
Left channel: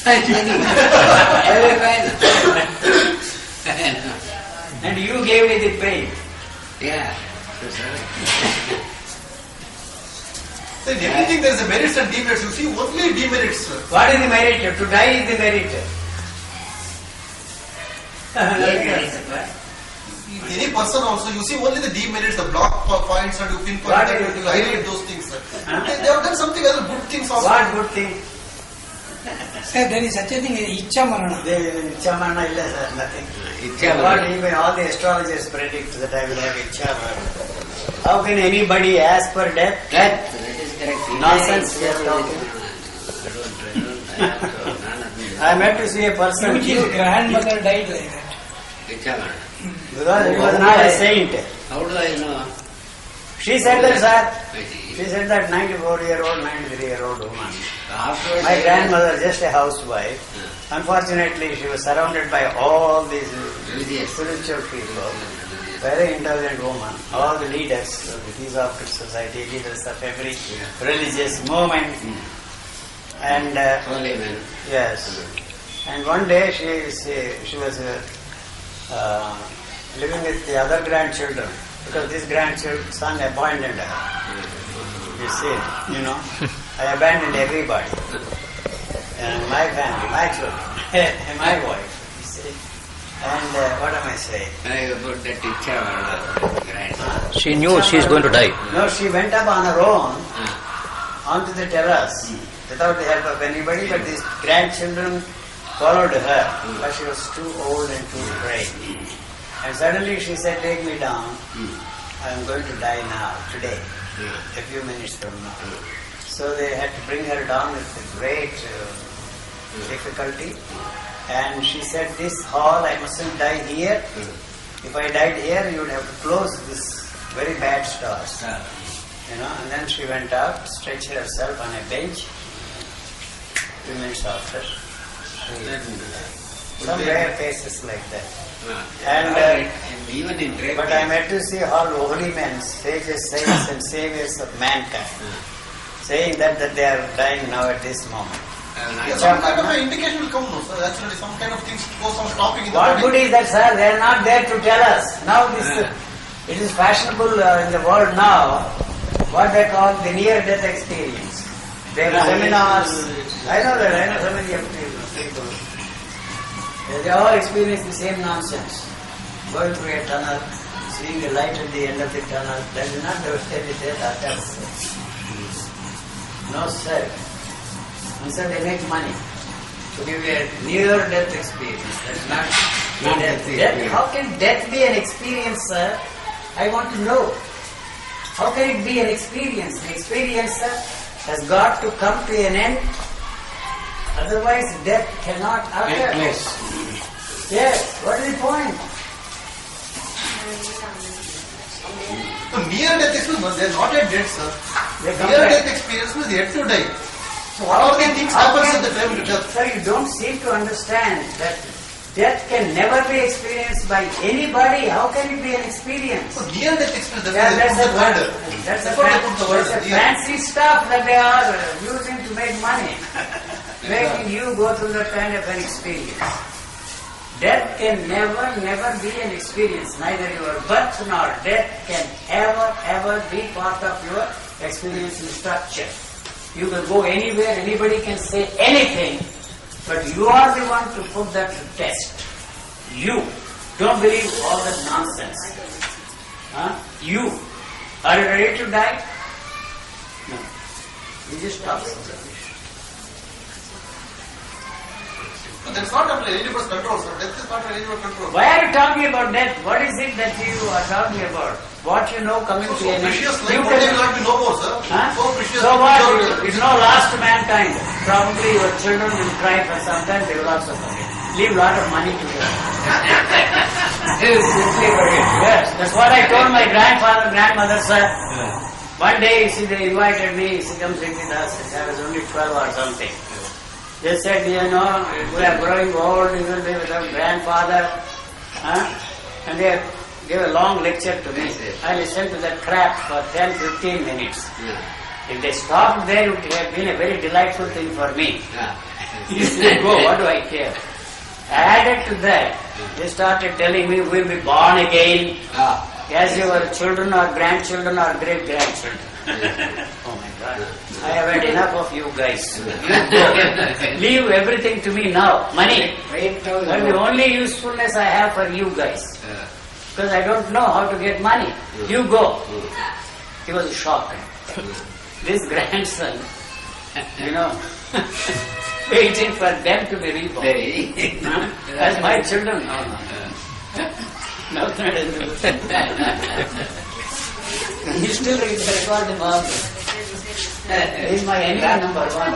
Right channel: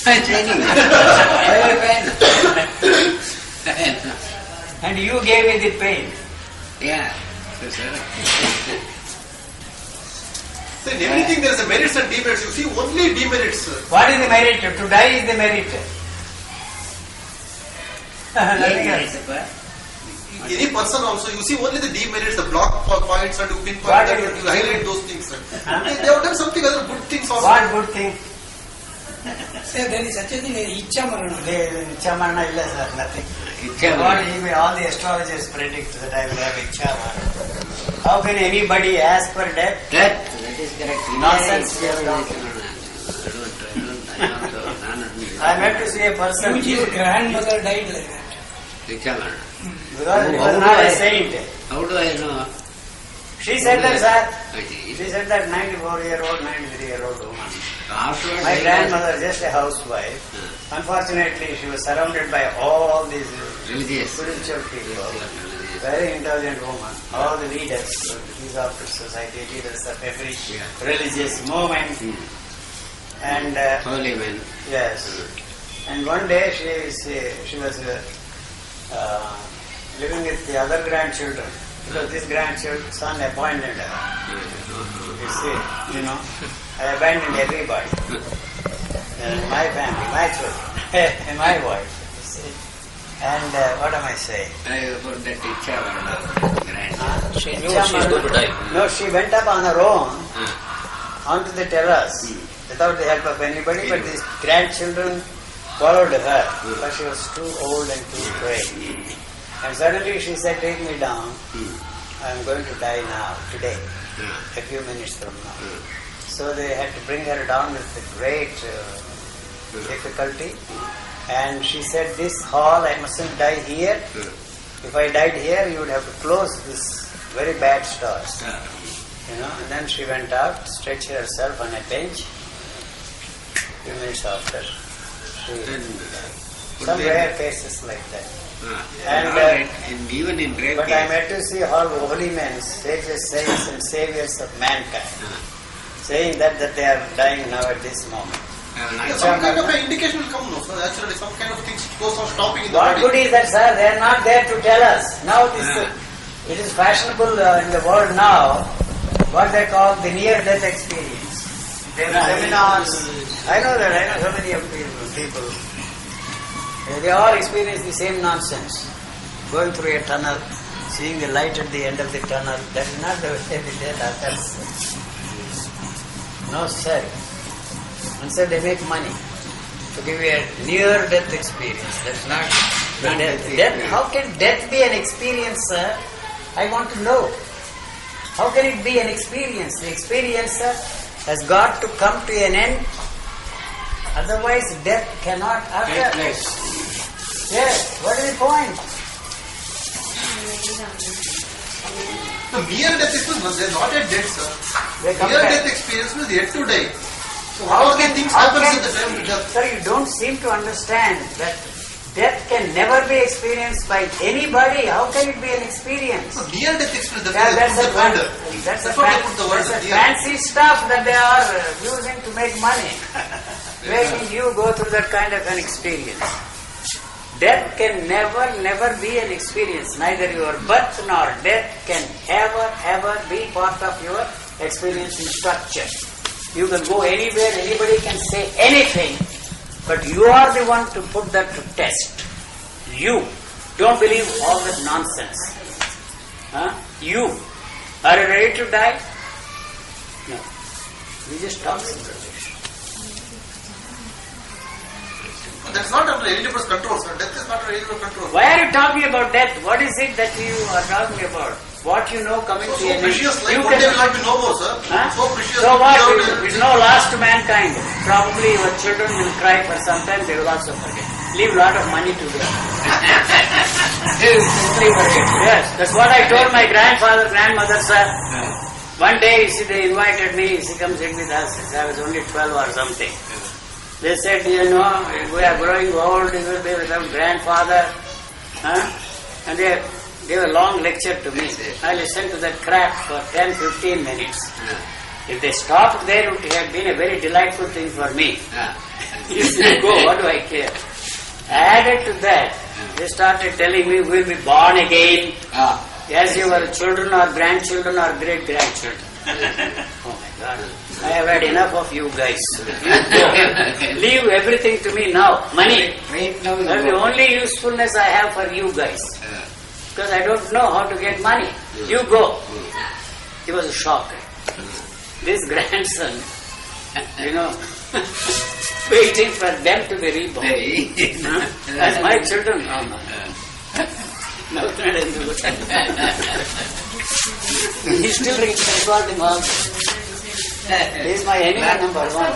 Shining. Very fine. And you gave me the pain. Yeah. So, sir. So in everything there is a merits and demerits. You see only demerits, sir. What is the merit? To die is the merit. Nothing Yes, else. sir. Any person also, you see only the demerits, the block points, and you pinpoint What that, is and it? you highlight those things, sir. They have done something other good things also. What good thing? Sir, there is such a thing as Icha Marana. Ichamana illa sir, nothing. Ichha What Marana. even all the astrologers predict that I will have Ichamana. How can anybody ask for death? That is correct. Nonsense. I don't. I met to see a person His grandmother died like that. Ichha because he was not a saint. How do I know? She said that, sir. I see. She said that 94-year-old, 93-year-old woman. Afterwards, My grandmother, just a housewife. Unfortunately, she was surrounded by all these Religious. spiritual people. Very intelligent woman. All the leaders of the Theosophic Society, leaders of every religious movement. And Holy men. yes. And one day she was living with the other grandchildren because this son abandoned her. You see, I abandoned everybody. my family, my children, and my wife. You see. And what am I saying? About that Ichavarna, grand. She knew she is going to die. No, she went up on her own onto the terrace without the help of anybody, but these grandchildren followed her, but she was too old and too frail. And suddenly she said, take me down. I'm going to die now, today, a few minutes from now. So they had to bring her down with great difficulty. And she said, this hall, I mustn't die here. If I died here, you would have to close this very bad store. You know, and then she went out, stretched herself on a bench. A few minutes after, some rare cases like that. And even in great but I met to see all holy men, sages, saints and saviors of mankind, saying that they are dying now at this moment. Some kind of an indication will come, no, sir. Actually, some kind of things go some stopping in the What body. good is that, sir? They are not there to tell us. Now it is fashionable in the world now, what they call the near-death experience. They have seminars. I know so many of people. They all experience the same nonsense. Going through a tunnel, seeing the light at the end of the tunnel. That is not the way they did others. No, sir. And so they make money to give you a near-death experience. That's not death. How can death be an experience, sir? I want to know. How can it be an experience? The experience has got to come to an end. Otherwise, death cannot occur. Yes. What is the point? Near-death experience, they are not yet dead, sir. They Near-death experience means yet to die. So all these things happen at the time of death. Sir, you don't seem to understand that death can never be experienced by anybody. How can it be an experience? So near-death experience, That's a fancy stuff that they are using to make money. Making you go through that kind of an experience. Death can never be an experience. Neither your birth nor death can ever be part of your experience in structure. You can go anywhere, anybody can say anything, but you are the one to put that to test. You. Don't believe all that nonsense. You. Are you ready to die? No. You just talk about it. That's not under anybody's control, sir. Death is not under anybody's control. Why are you talking about death? What is it that you are talking about? What you know coming to an end? Precious life, what do you like to know more, sir? So precious. So what? It is no loss to mankind. Probably your children will cry for some time, they will also forget. Leave a lot of money to them. They will quickly forget. Yes, that's what I told my grandfather, grandmother, sir. One day, they invited me, come sit with us. I was only 12 or something. They said, we are growing old, you will be without grandfather. And they gave a long lecture to me. I listened to that crap for 10-15 minutes. If they stopped there, it would have been a very delightful thing for me. You see, go, what do I care? Added to that, they started telling me, we will be born again as your children or grandchildren or great-grandchildren. Oh my God. I have had enough of you guys. Leave everything to me now. Money. That's the only usefulness I have for you guys. Because I don't know how to get money. You go. He was shocked. This grandson, waiting for them to be reborn. As my children. No. He's still recording all this. He is my enemy number one.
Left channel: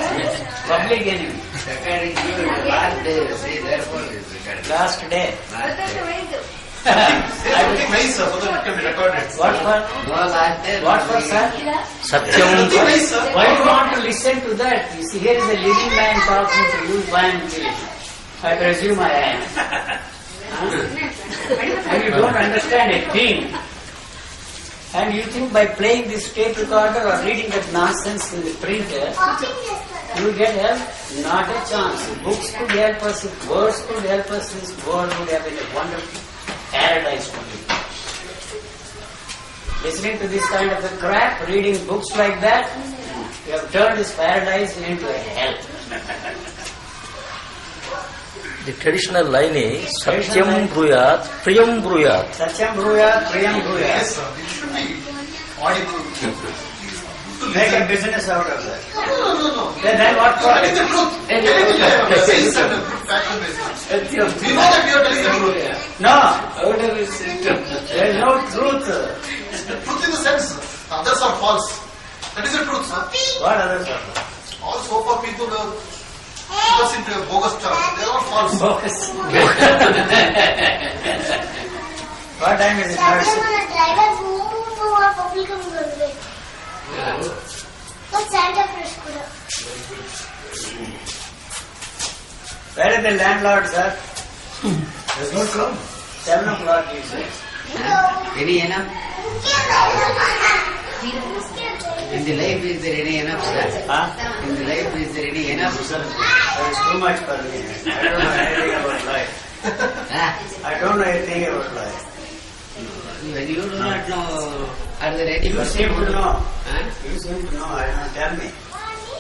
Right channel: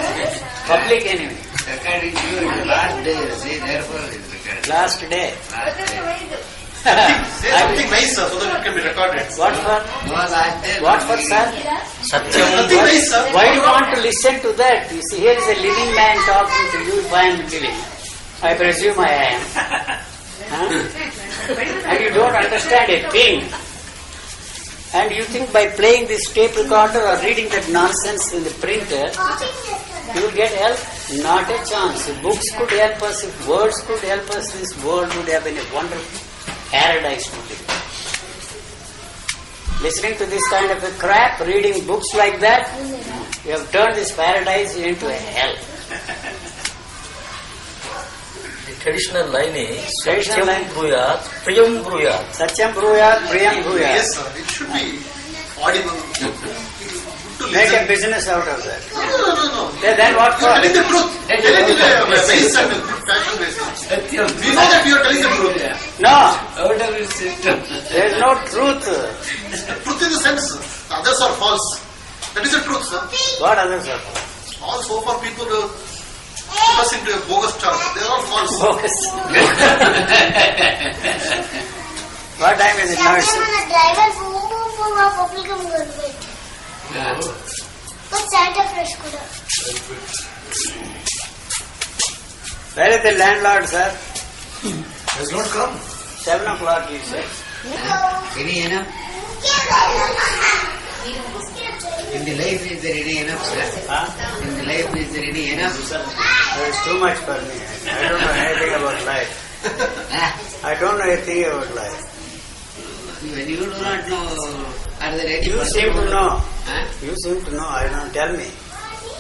Public enemy. Recording you last day, see, therefore it is recorded. Last day. Say something nice, sir, so that it can be recorded. What for? No, last day. What for, sir? Something nice, sir. Why do you want to listen to that? You see, here is a living man talking to you if I am living. I presume I am. And you don't understand a thing. And you think by playing this tape recorder or reading that nonsense in the printer, you will get help? Not a chance. If books could help us, if words could help us, this world would have been a wonderful paradise to live. Listening to this kind of a crap, reading books like that, you have turned this paradise into a hell. The traditional line is Traditional Satyam line. Bruyat, Priyam Bruyat. Satyam Bruyat, Priyam Bruyat. Yes, sir. It should be audible. To Make a listen. business out of that. No. Then what You are for? telling the truth. Telling the nice and good fashion basis. We know that you are telling the truth. No, Out of his system. there is no truth. Truth in the sense, others are false. That is the truth, sir. What others are? All so far people put us into a bogus chart. They are all false. Bogus. What time is it now? It's Where is the landlord, sir? Has not come. 7 o'clock, you say. Ready enough? In the life is ready enough, sir. Huh? In the life is ready enough, sir. That is too much for me. I don't know anything about life. I don't know anything about life. You do not know. Are they ready? You seem to know. Huh? You seem to know. I don't tell me.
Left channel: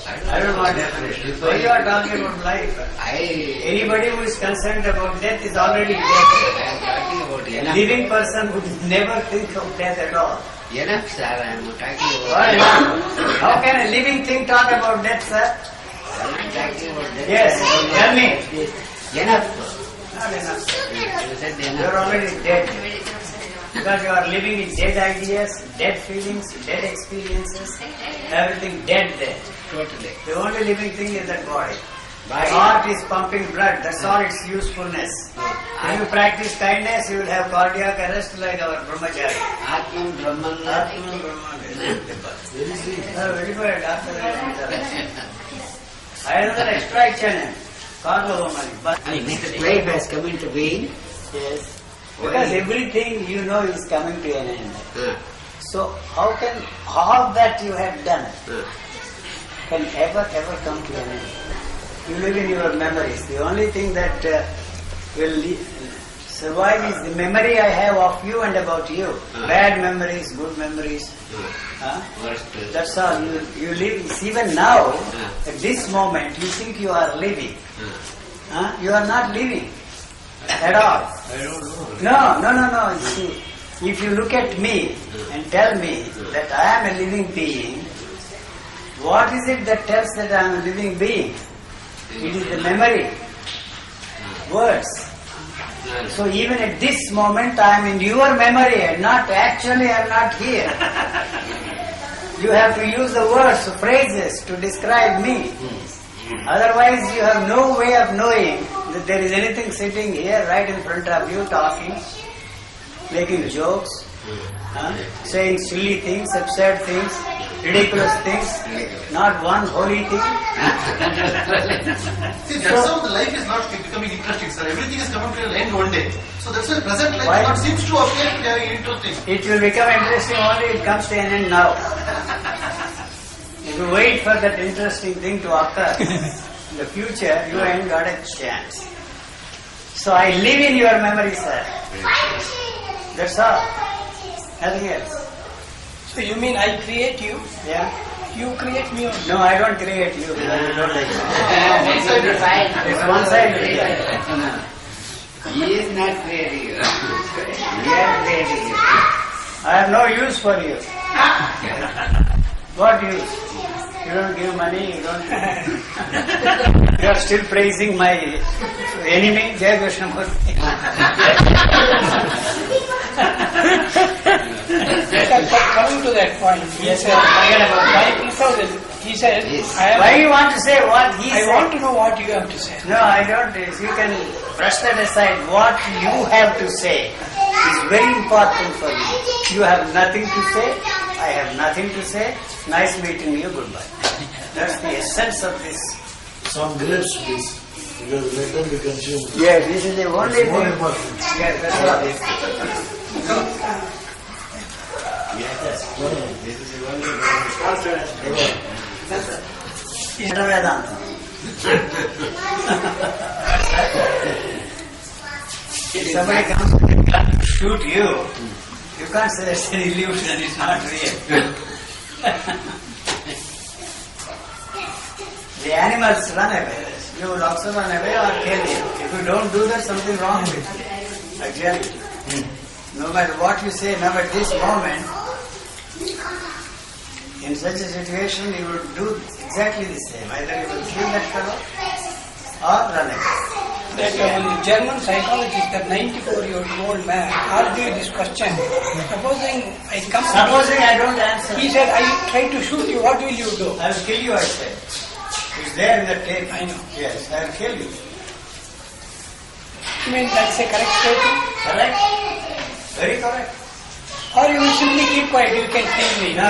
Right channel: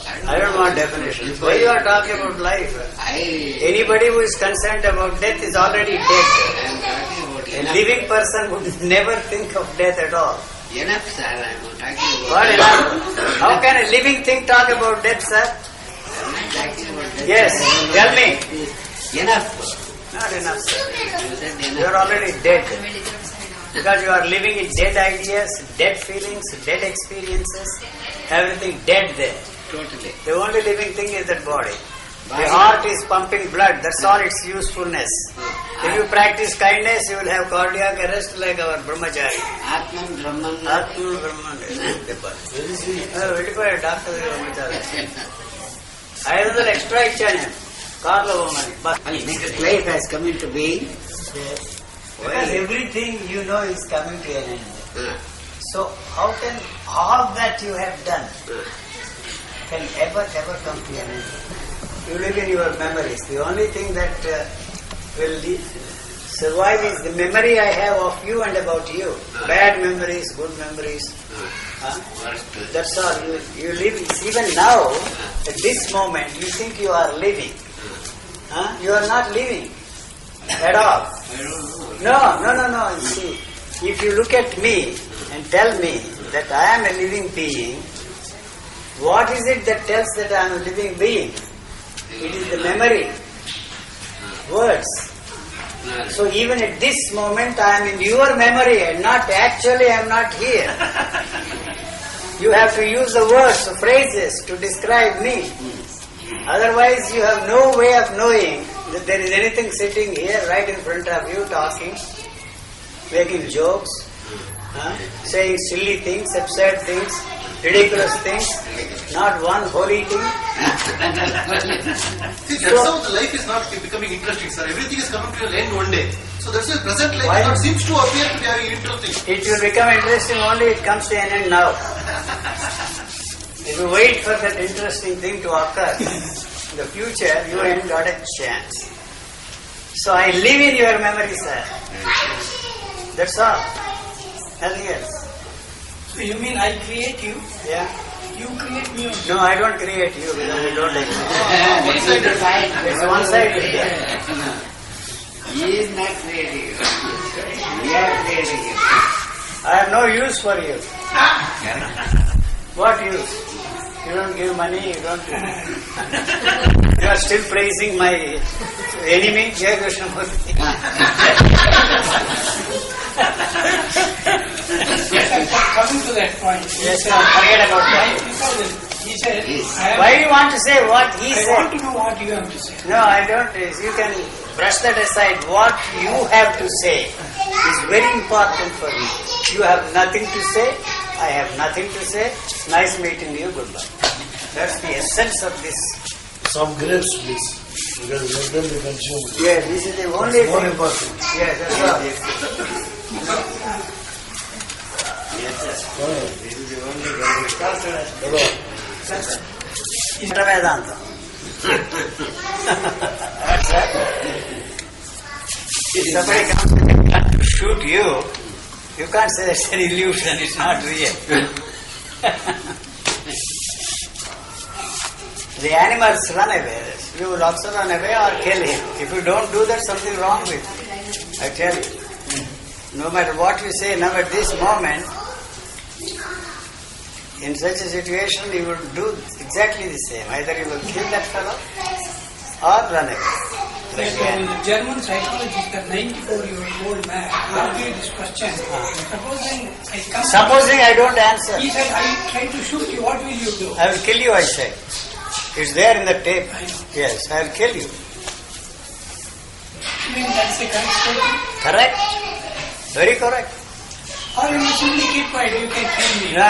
I I don't want definition. Why you are talking about life? Anybody who is concerned about death is already dead. I am talking about A enough. living person would never think of death at all. Enough, sir. I am talking about What enough? How can a living thing talk about death, sir? I am not talking about that. Yes, sir. I don't know. tell me. Enough. Not enough, sir. You said You enough. are already dead. Because you are living in dead ideas, dead feelings, dead experiences, everything dead there. Totally. The only living thing is that body. The Body. heart is pumping blood, that's all its usefulness. If you practice kindness, you will have cardiac arrest like our brahmachari. Atman Brahman. Atma Brahman. వెళ్ళిపోయాడు doctor దగ్గర పంపించాలి 500 extra ఇచ్చాను నేను కార్లో పోమని bus Next life has come into being. Because everything you know is coming to an end. Huh. So how can all that you have done Huh. can ever come to an end? You live in your memories. The only thing that will survive is the memory I have of you and about you. Bad memories, good memories. Huh? That's all. You live. Even now, at this moment, you think you are living. Huh? You are not living at all. I don't know. No. See, if you look at me and tell me that I am a living being, what is it that tells that I am a living being? It is the memory, words. So even at this moment I am in your memory and not actually I am not here. You have to use the words, phrases to describe me. Otherwise you have no way of knowing that there is anything sitting here right in front of you talking, making jokes, saying silly things, absurd things, ridiculous things, not one holy thing. See, that's how the life is not becoming interesting, sir. Everything is coming to an end one day. So that's why present life Why? not seems to appear to be very interesting. It will become interesting only it comes to an end now. If you wait for that interesting thing to occur in the future, you ain't got a chance. So I live in your memory, sir. That's all. Nothing else. So you mean I create you? Yeah? You create me also. No, I don't create you because you don't exist. One-sided. It's one-sided. Yeah. He is not creating you. We are creating you. I have no use for you. What use? You don't give money, you don't... You are still praising my enemy, Jai Krishnamurti. Coming to that point. Yes, sir. Forget about that. He said, Yes. Why you want to say what he I said? want to know what you have to say. No, I don't. You can brush that aside. What you have to say is very important for me. You have nothing to say. I have nothing to say. Nice meeting you. Goodbye. That's the essence of this. Some grapes, please, because let them be consumed. Yes, this is the only More thing. important. Yes, that's all. This is the only benefit. It's Vedanta. If somebody comes with a gun to shoot you, you can't say it's an illusion, it's not real. The animals run away. you will also run away or kill him. If you don't do that, something wrong with you. I tell you. No matter what you say now at this moment, in such a situation you will do exactly the same. Either you will kill that fellow or run away. The German psychologist, that 94-year-old man, asked me this question. Supposing I don't answer. He said, I try to shoot you, what will you do? I will kill you, I said. It's there in the tape. I know. Yes, I will kill you. I mean, that's a correct statement? Correct? Very correct. Or you will simply keep quiet, you can kill me. No.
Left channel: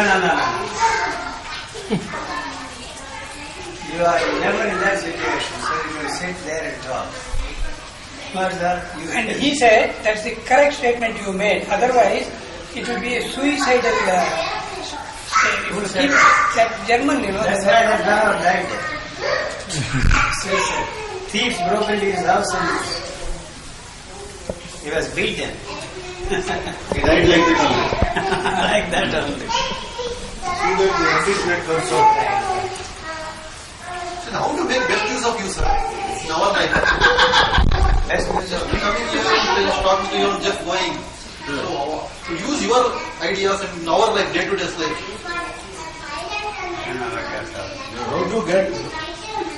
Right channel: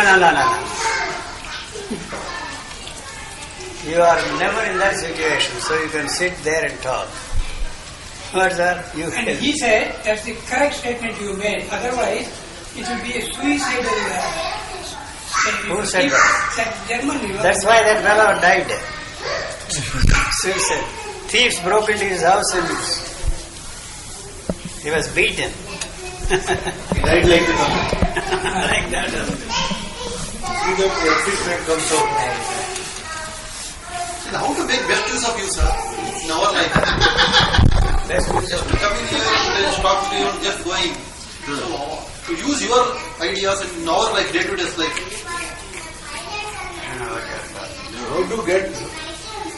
You are never in that situation, so you can sit there and talk. But sir, And he said, that's the correct statement you made. Otherwise, it will be a suicidal statement. Who said that? That German, you know. That's why that fellow died there. Suicide. Thieves broke into his house and he was beaten. He died like that only. Like that only. See that the achievement comes out. And how to make best use of you, sir, in our life? Best use Just of to come in here and just talk to you and just going. So, to use your ideas in our life, day-to-day life. How to get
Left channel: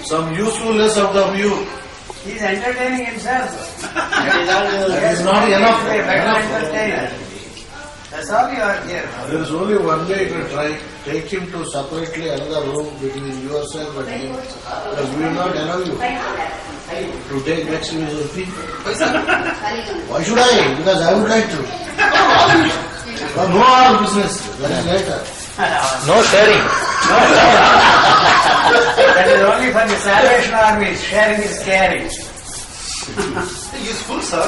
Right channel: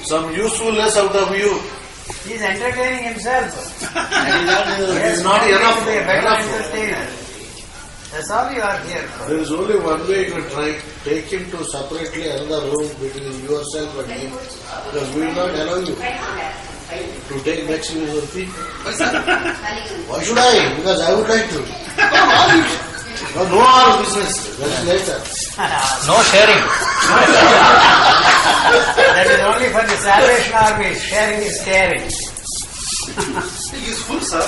some usefulness out of you. He is entertaining himself. It is not enough. Better entertainer. That's all you are here for. There is only one way you can try. Take him to separately another room between yourself and him. Because we will not allow you to take next philosophy. Why should I? Because I would like to. No more business. That's later. No sharing. That is only for the Salvation Army. Sharing is caring. He is full, sir.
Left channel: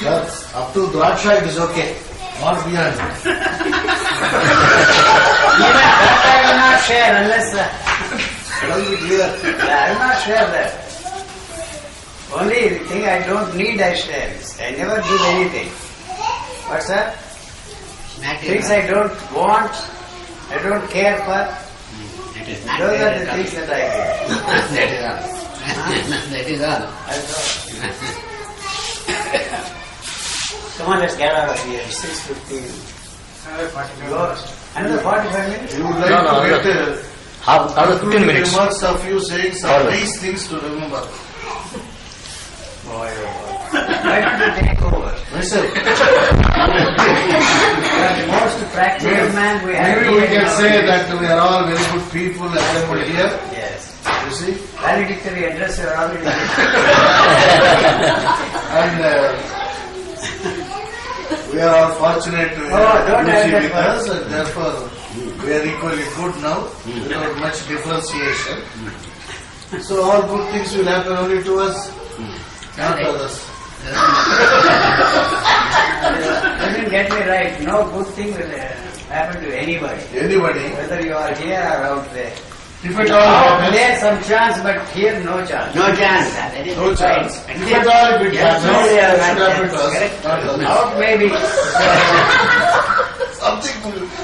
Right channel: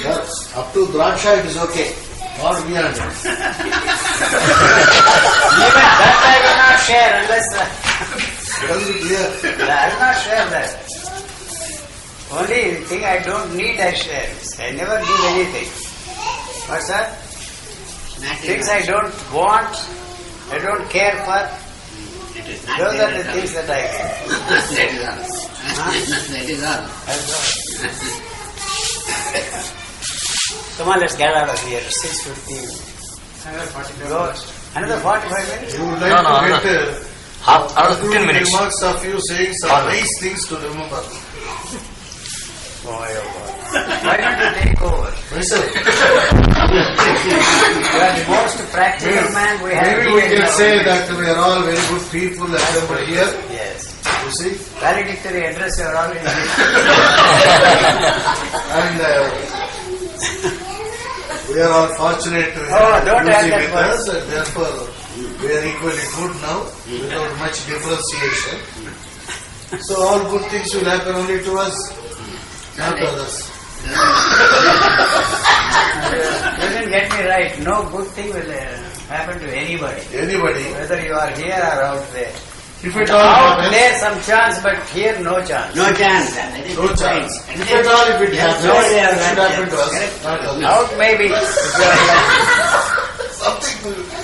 Yes, up to Draksha it is okay. Or beyond. Even that I will not share unless... I will not share that. Only thing I don't need I share. I never give anything. What's that? Things I don't want, I don't care for. Those are the things that I give. That is all. That is all. That's all. Come on, let's get out of here. 6:15. Another 45 minutes? You would like No, to get another 15 minutes. remarks of you saying some nice things to remember. Boy, oh boy. Why don't you take over? Myself. You are the most practical man we have. Maybe we can say that we are all very good people assembled here. Yes. You see? Valedictory address you are already given. And we are all fortunate to have don't add Lucy that with word. us, and therefore we are equally good now without much differentiation. So all good things will happen only to us, not to others. You didn't get me right. No good thing will happen to anybody. Anybody, Whether you are here or out there. if at all Out happens, there some chance, but here no chance. No chance. That is no the chance. point. If at all if it happens, no, it yeah, should happen to us, correct. not to others. Out maybe.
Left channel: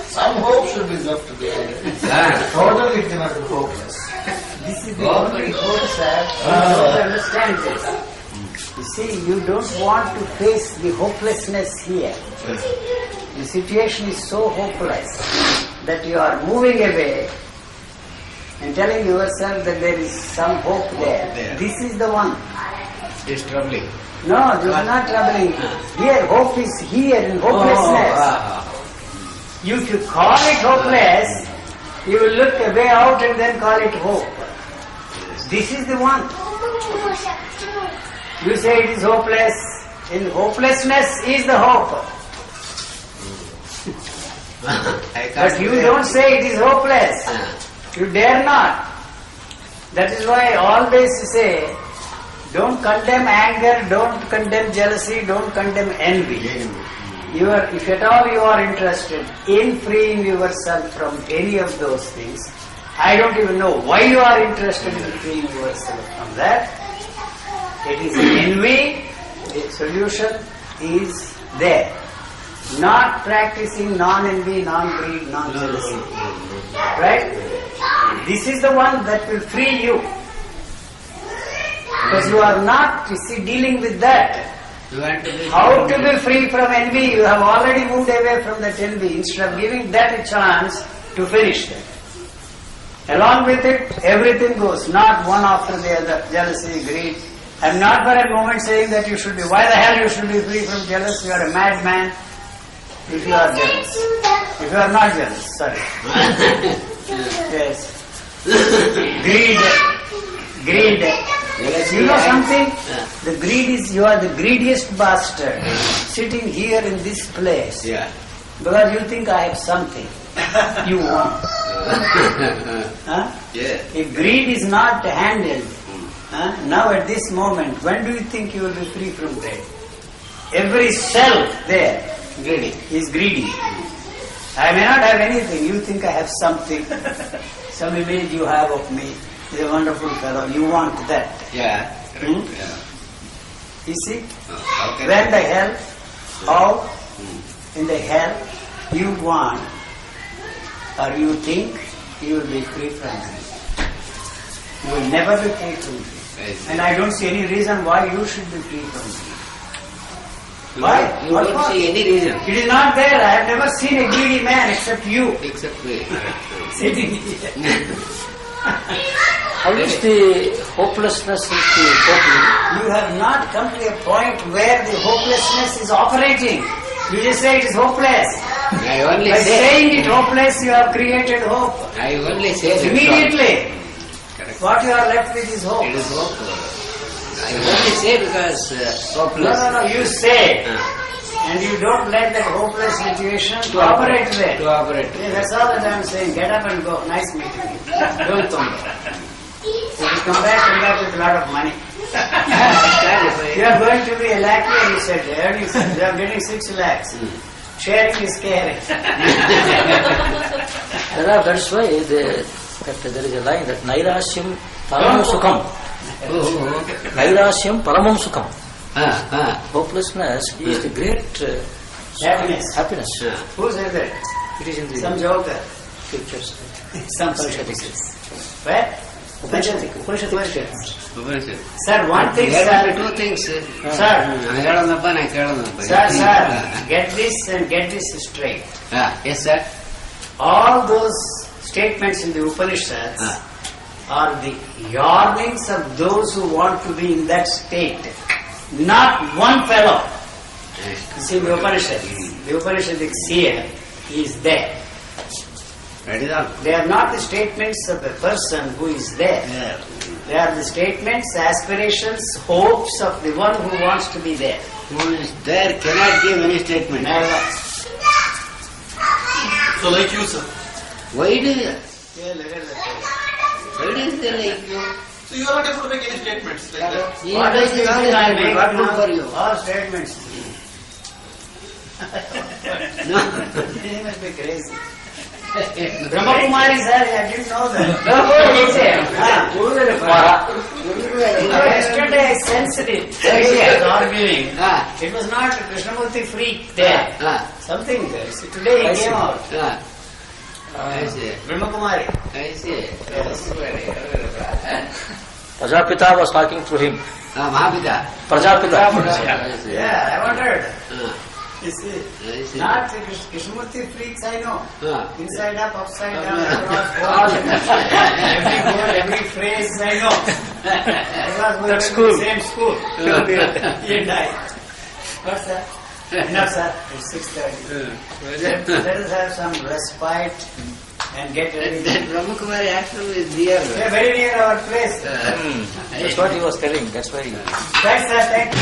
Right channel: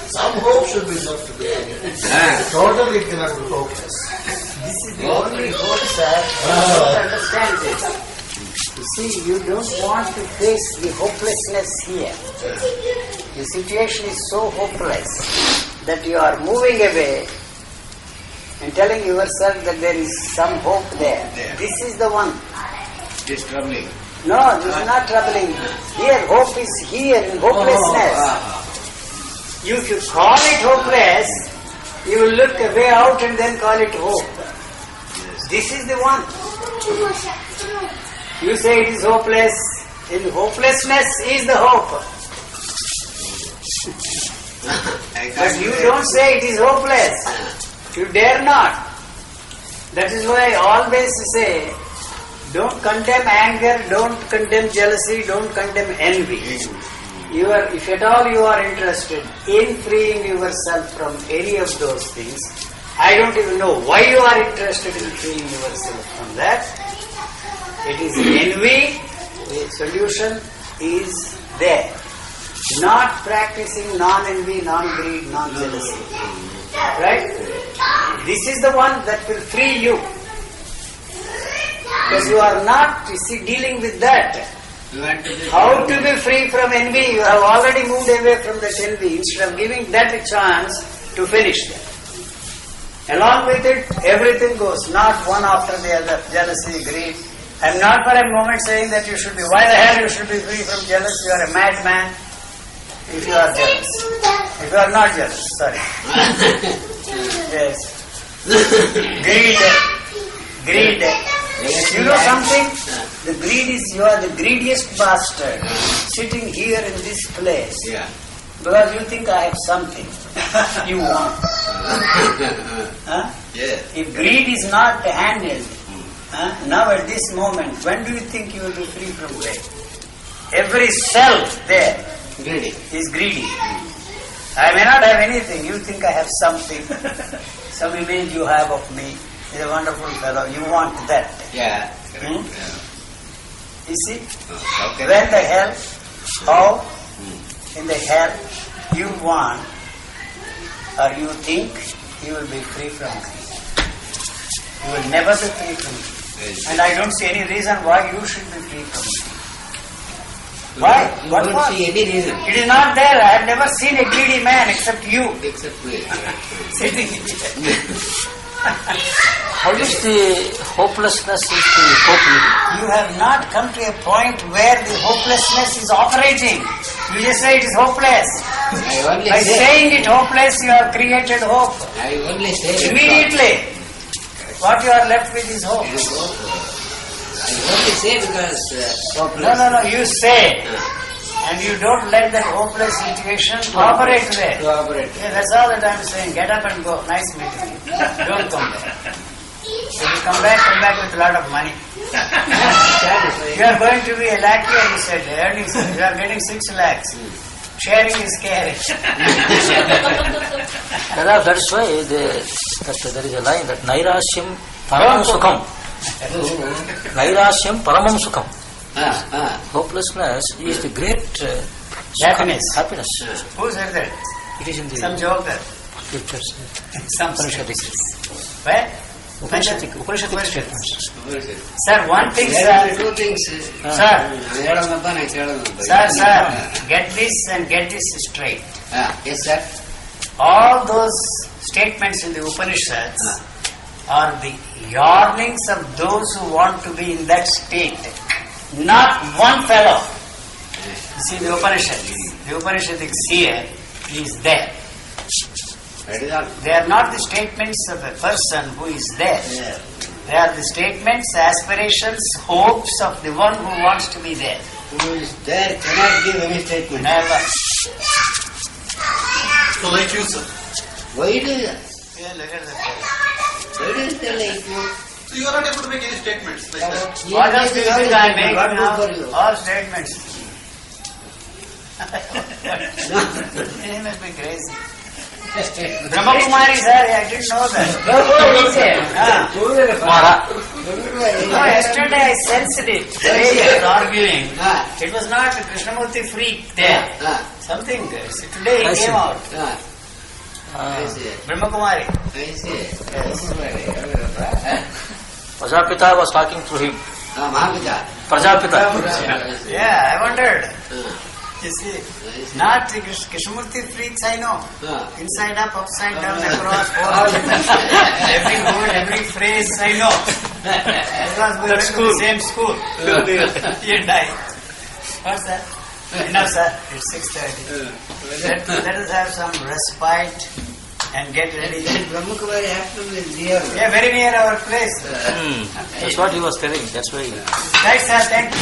Some hope should be left to be. Totally cannot be hopeless. This is the only hope, sir. You don't understand this. You see, you don't want to face the hopelessness here. The situation is so hopeless that you are moving away and telling yourself that there is some hope there. This is the one. It is troubling. No, this is not troubling. Here, hope is here in hopelessness. If you call it hopeless, you will look a way out and then call it hope. This is the one. You say it is hopeless. In hopelessness is the hope. But you don't say it is hopeless. You dare not. That is why I always say, don't condemn anger, don't condemn jealousy, don't condemn envy. If at all you are interested in freeing yourself from any of those things, I don't even know why you are interested in freeing yourself from that. It is envy, the solution is there. Not practicing non-envy, non-greed, non-jealousy. Right? This is the one that will free you. Because you are not, you see, dealing with that. How to be free from envy? You have already moved away from that envy instead of giving that a chance to finish that. Along with it, everything goes, not one after the other. Jealousy, greed. I am not for a moment saying that you should be. Why the hell you should be free from jealous? You are a madman if you are jealous. If you are not jealous, sorry. Yes. Greed. You know something? The greed is, you are the greediest bastard sitting here in this place. Yeah. Because you think I have something you want. Huh? Yeah. If greed is not handled, now at this moment, when do you think you will be free from greed? Every cell there is greedy. I may not have anything, you think I have something. Some image you have of me. He's a wonderful fellow. You want that. Yeah. Hmm? Yeah. You see? Okay. When the hell, how in the hell you want or you think you will be free from greed. You will never be free from greed. And I don't see any reason why you should be free from greed. Why? You What don't for? see any reason. It is not there. I have never seen a greedy man except you. Except me. Sitting here. How is the hopelessness is the hope? You have not come to a point where the hopelessness is operating. You just say it is hopeless. I only By say. saying it hopeless, you have created hope. I only say that. Immediately, what you are left with is hope. It is hope. I only say because hopeless. No, you say. And you don't let that hopeless situation operate there. To operate. Yeah, that's all that I'm saying. Get up and go. Nice meeting you. Don't come back. If you come back with a lot of money. You are going to be a lackey, and you said, earnings, you are getting 6 lakhs. Sharing is caring. That's why that there is a line that Nairashyam Paramam Sukham. Nairashyam Paramam Sukham. Hopelessness is the great Happiness. Happiness. Who said that? It is in the Some joker. scriptures. Some Upanishads. Where? Upanishads statements. Sir, one thing, There are sir. two things. Sir, get this and get this straight. Yes, sir. All those statements in the Upanishads are the yearnings of those who want to be in that state. Not one fellow. You see, the Upanishadic seer is there. That is all. They are not the statements of a person who is there. They are the statements, aspirations, hopes of the one who wants to be there. Who is there cannot give any statement. Never. So like you, sir. Why do you? Yeah, look at that. Why do you say like you? So you are not able to make any statements like that. What else do you think I make What now? good for you? All statements. No. You must be crazy. Brahma Kumari, sir, I didn't know that. No, yesterday I sensed it. The way he was arguing. It was not a Krishnamurti freak there. Something. See, today he came out. I see. Brahma Kumari. I see. Yes. Prajapita was talking to him. Mahapita. Prajapita. Yeah, I wondered. You see, I see. not the Krishnamurti freaks I know. Inside up, upside down, across, every word, every phrase I know. Because we went to the same school. You and I. What's that? Enough, sir. It's 6:30. Let us have some respite and get ready. Brahma Kumari ashram is near. Yeah, very near our place. That's what he was telling. That's why. Right, sir. Thank you.